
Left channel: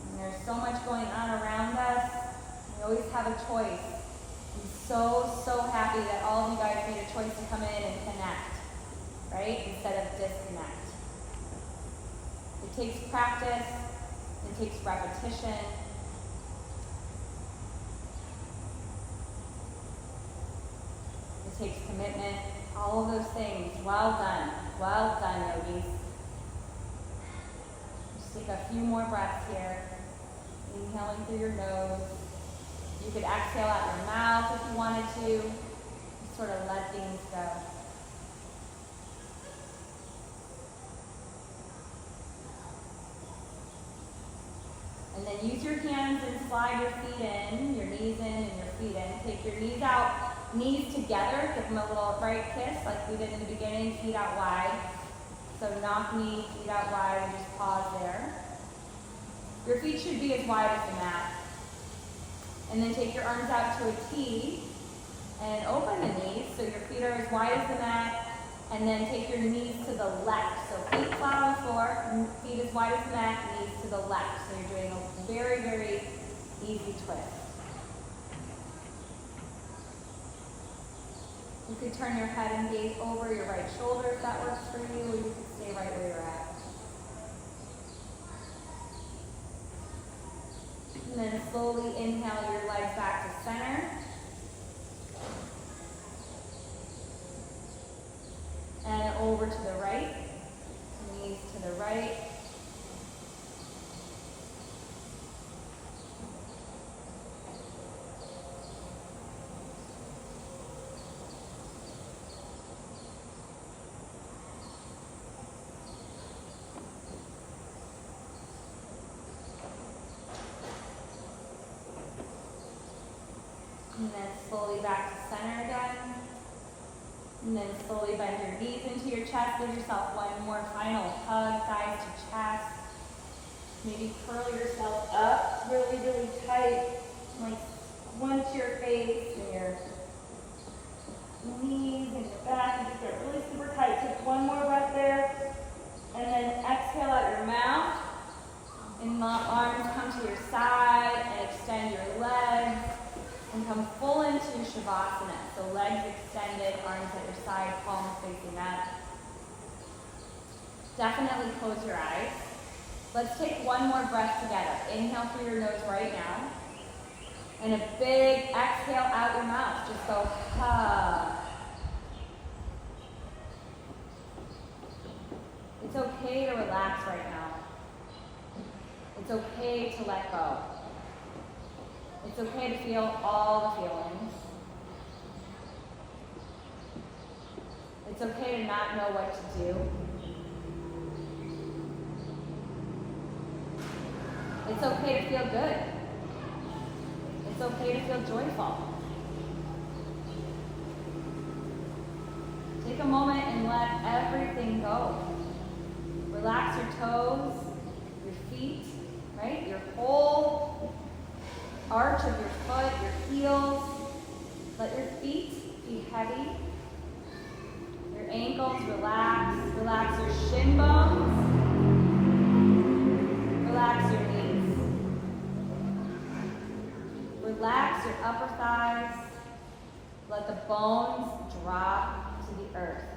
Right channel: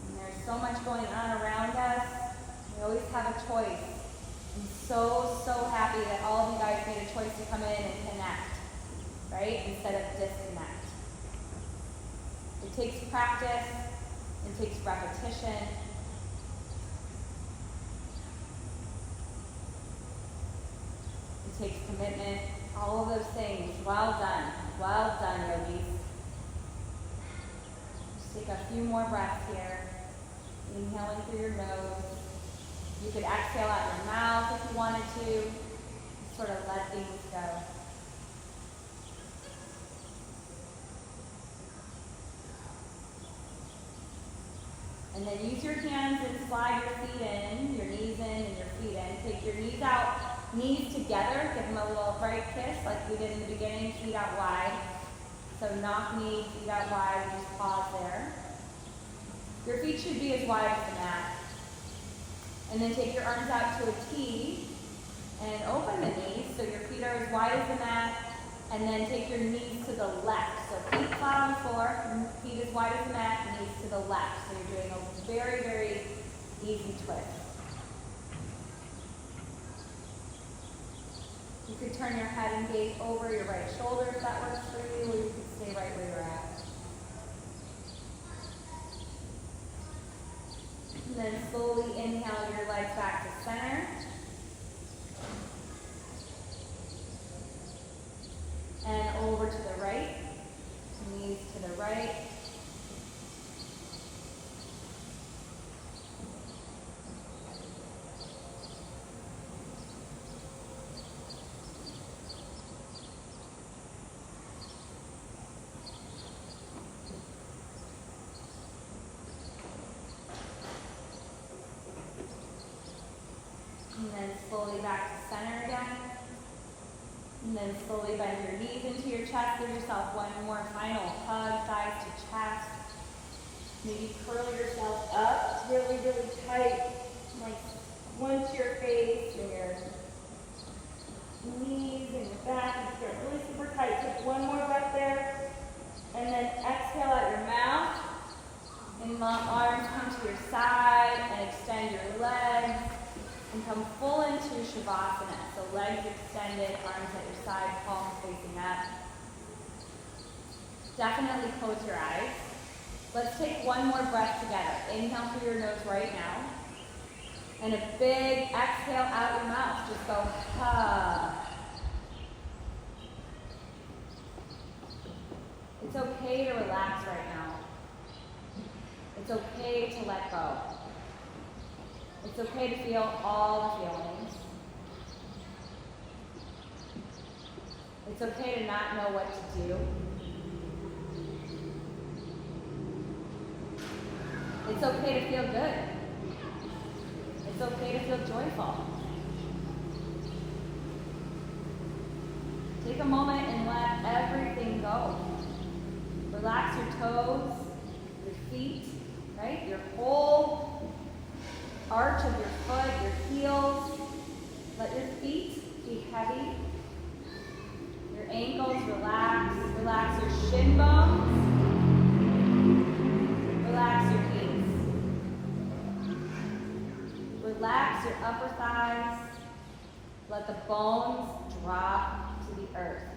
And there's so much going on around us. We always have a choice. I'm so happy that all of you guys made a choice to come in and connect, right? Instead of disconnect. It takes practice, it takes repetition. It takes commitment, all of those things. Well done, yogis. Just take a few more breaths here. Inhaling through your nose. You could exhale out your mouth if you wanted to. Sort of let things go. And then use your hands and slide your feet in, your knees in and your feet in. Take your knees out, knees together. Give them a little right kiss like we did in the beginning, feet out wide. So knock knees, feet out wide, and just pause there. Your feet should be as wide as the mat. And then take your arms out to a T and open the knees so your feet are as wide as the mat. And then take your knees to the left. So feet flat on the floor, feet as wide as the mat, knees to the left. So you're doing a very easy twist. You could turn your head and gaze over your right shoulder if that works for you, or you could stay right where you're at. And then slowly inhale your legs back to center. And over to the right, knees to the right. And then slowly back to center again. And then slowly bend your knees into your chest. Give yourself one more final hug, thighs to chest. Maybe curl yourself up really tight. Like once your face and your knees and your back. And just get really super tight. Take one more breath there. And then exhale out your mouth. And the arms come to your side and extend your legs. And come full into Shavasana. So legs extended, arms at your side, palms facing up. Definitely close your eyes. Let's take one more breath together. Inhale through your nose right now. And a big exhale out your mouth. Just go, ha. It's okay to relax right now. It's okay to let go. It's okay to feel all the feelings. It's okay to not know what to do. It's okay to feel good. It's okay to feel joyful. Take a moment and let everything go. Relax your toes, your feet, right? Your whole arch of your foot, your heels. Let your feet be heavy. Your ankles relax. Relax your shin bones. Relax your knees. Relax your upper thighs. Let the bones drop to the earth.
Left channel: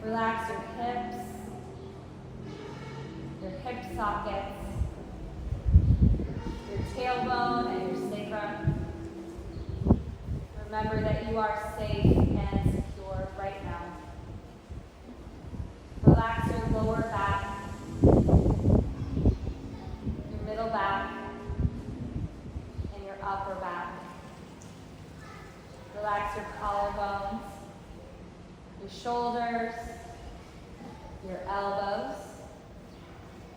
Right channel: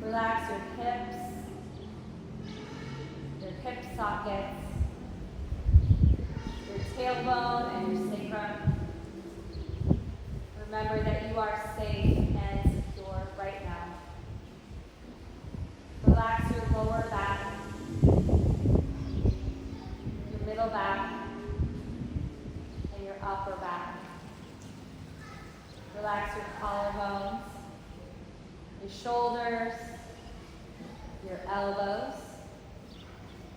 Relax your hips, your hip sockets, your tailbone and your sacrum. Remember that you are safe and secure right now. Relax your lower back, your middle back, and your upper back. Relax your collarbones, your shoulders, your elbows,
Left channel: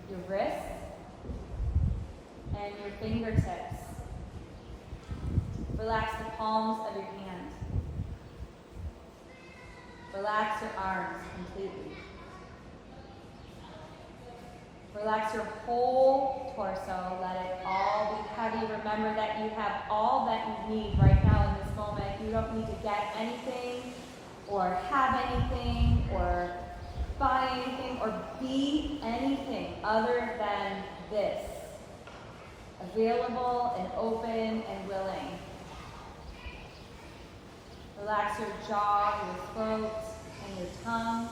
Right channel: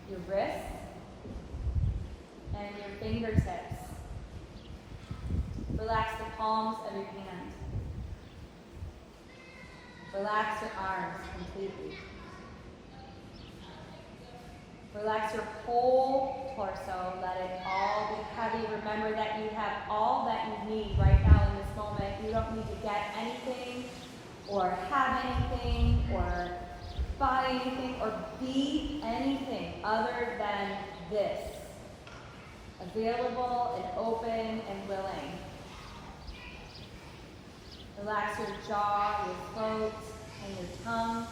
your wrists, and your fingertips. Relax the palms of your hands. Relax your arms completely. Relax your whole torso. Let it all be heavy. Remember that you have all that you need right now in this moment. You don't need to get anything or have anything or buy anything or be anything other than this. Available and open and willing. Relax your jaw, your throat, and your tongue.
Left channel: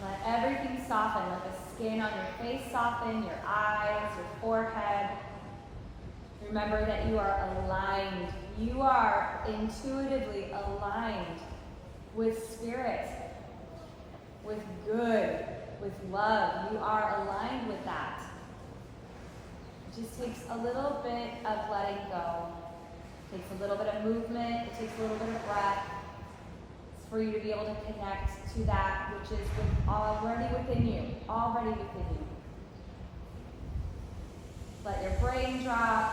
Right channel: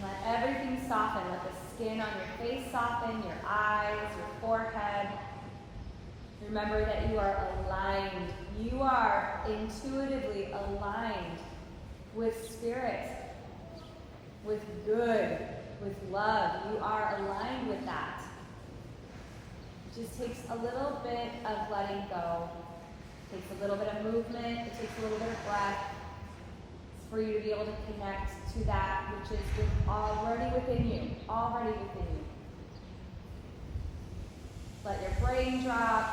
Let everything soften. Let the skin on your face soften, your eyes, your forehead. Remember that you are aligned. You are intuitively aligned with spirit, with good, with love. You are aligned with that. It just takes a little bit of letting go. It takes a little bit of movement. It takes a little bit of breath for you to be able to connect to that which is already within you. Already within you. Let your brain drop.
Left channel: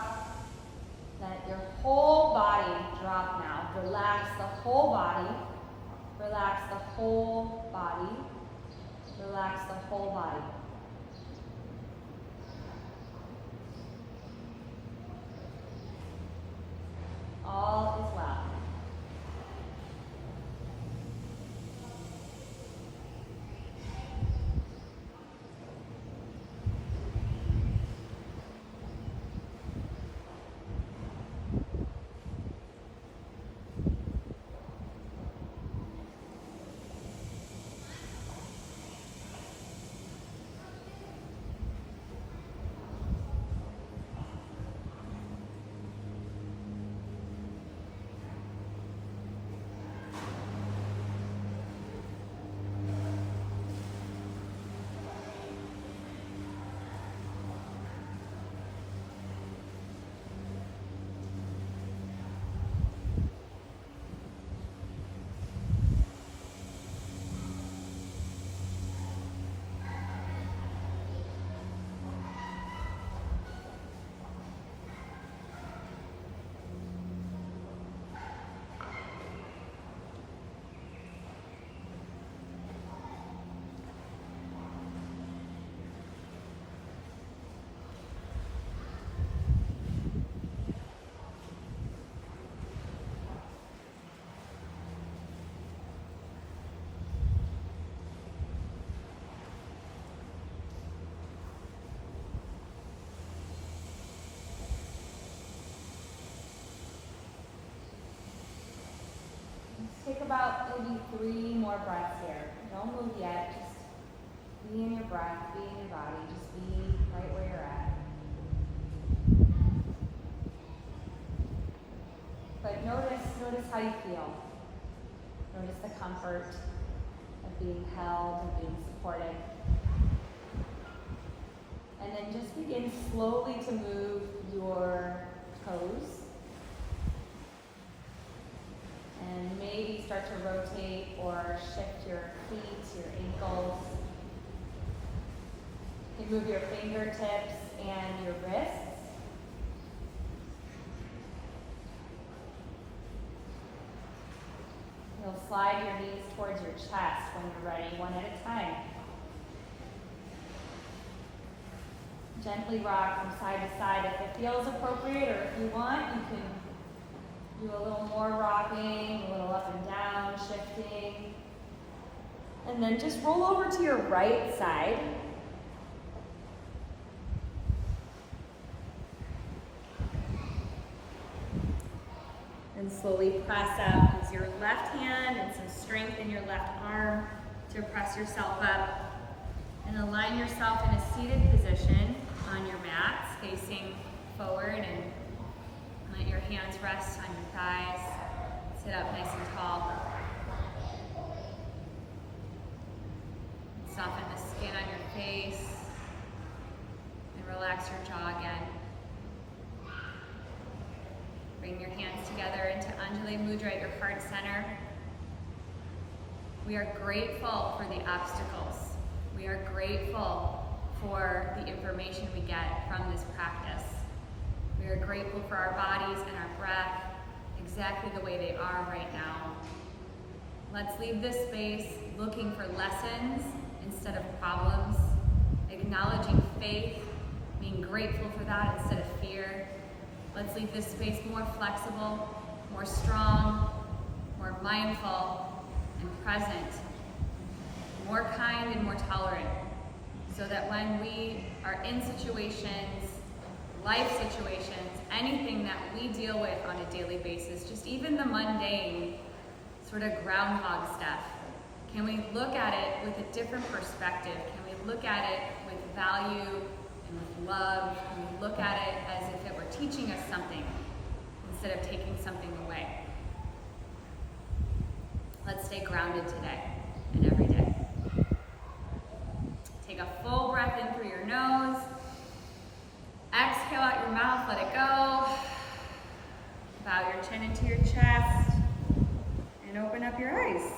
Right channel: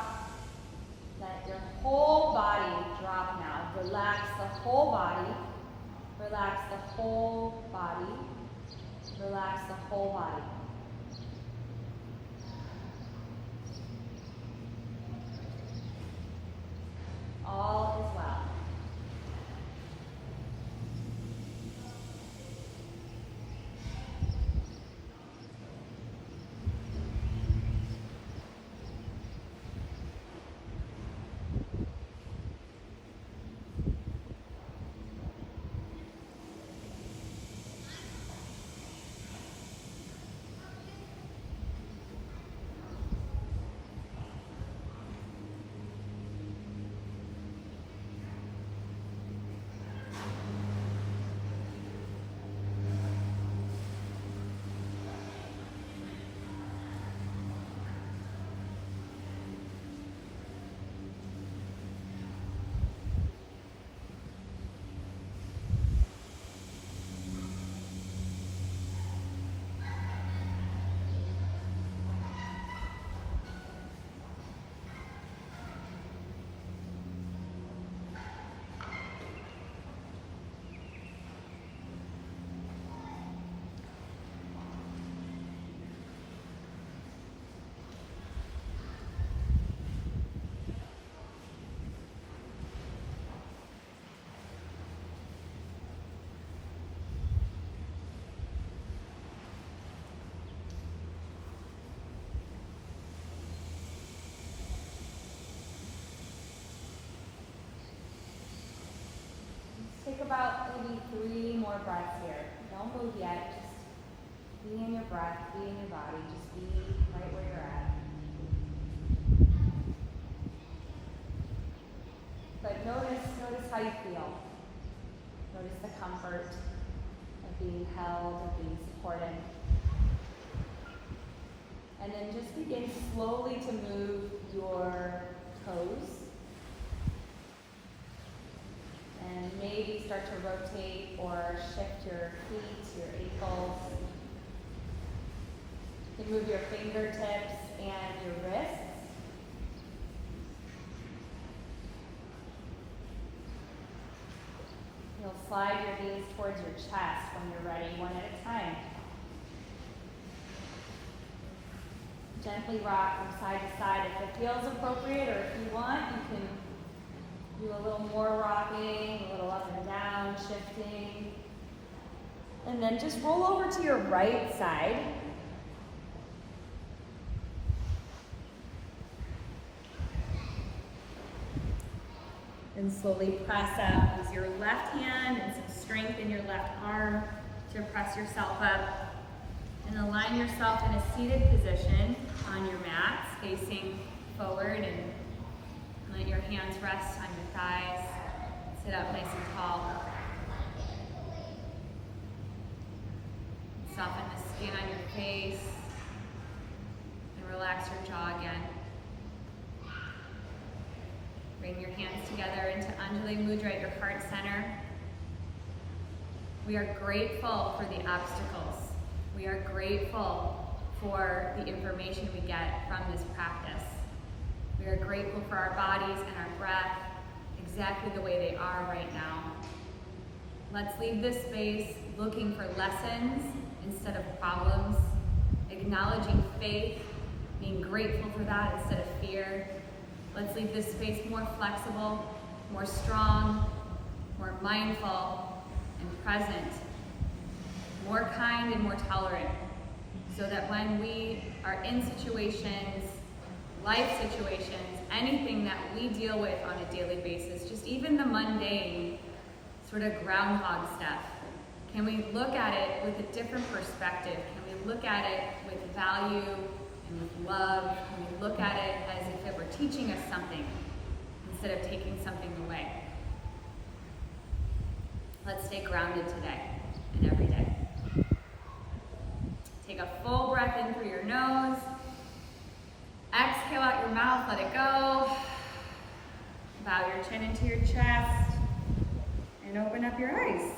Let your whole body drop now. Relax the whole body. Relax the whole body. Relax the whole body. All is well. Take about maybe 3 more breaths here. Don't move yet. Just be in your breath, be in your body. Just be right where you're at. But notice how you feel. Notice the comfort of being held, of being supported. And then just begin slowly to move your toes. And maybe start to rotate or shift your feet, your ankles. You can move your fingertips and your wrists. You'll slide your knees towards your chest when you're ready, one at a time. gently rock from side to side if it feels appropriate, or if you want, you can do a little more rocking, a little up and down, shifting. And then just roll over to your right side. And slowly press up. Use your left hand and some strength in your left arm to press yourself up. And align yourself in a seated position on your mats, facing forward, and let your hands rest on your thighs. Sit up nice and tall. Soften the skin on your face and relax your jaw again. Bring your hands together into Anjali Mudra at your heart center. We are grateful for the obstacles. We are grateful for the information we get from this practice. We are grateful for our bodies and our breath exactly the way they are right now. Let's leave this space looking for lessons instead of problems, acknowledging faith, being grateful for that instead of fear. Let's leave this space more flexible, more strong, more mindful and present, more kind and more tolerant, so that when we are in situations, life situations, anything that we deal with on a daily basis, just even the mundane sort of groundhog stuff, can we look at it with a different perspective? Can we look at it with value and with love? Can we look at it as if it were teaching us something instead of taking something away? Let's stay grounded today and every day. Take a full breath in through your nose. Exhale out your mouth, let it go. Bow your chin into your chest and open up your eyes.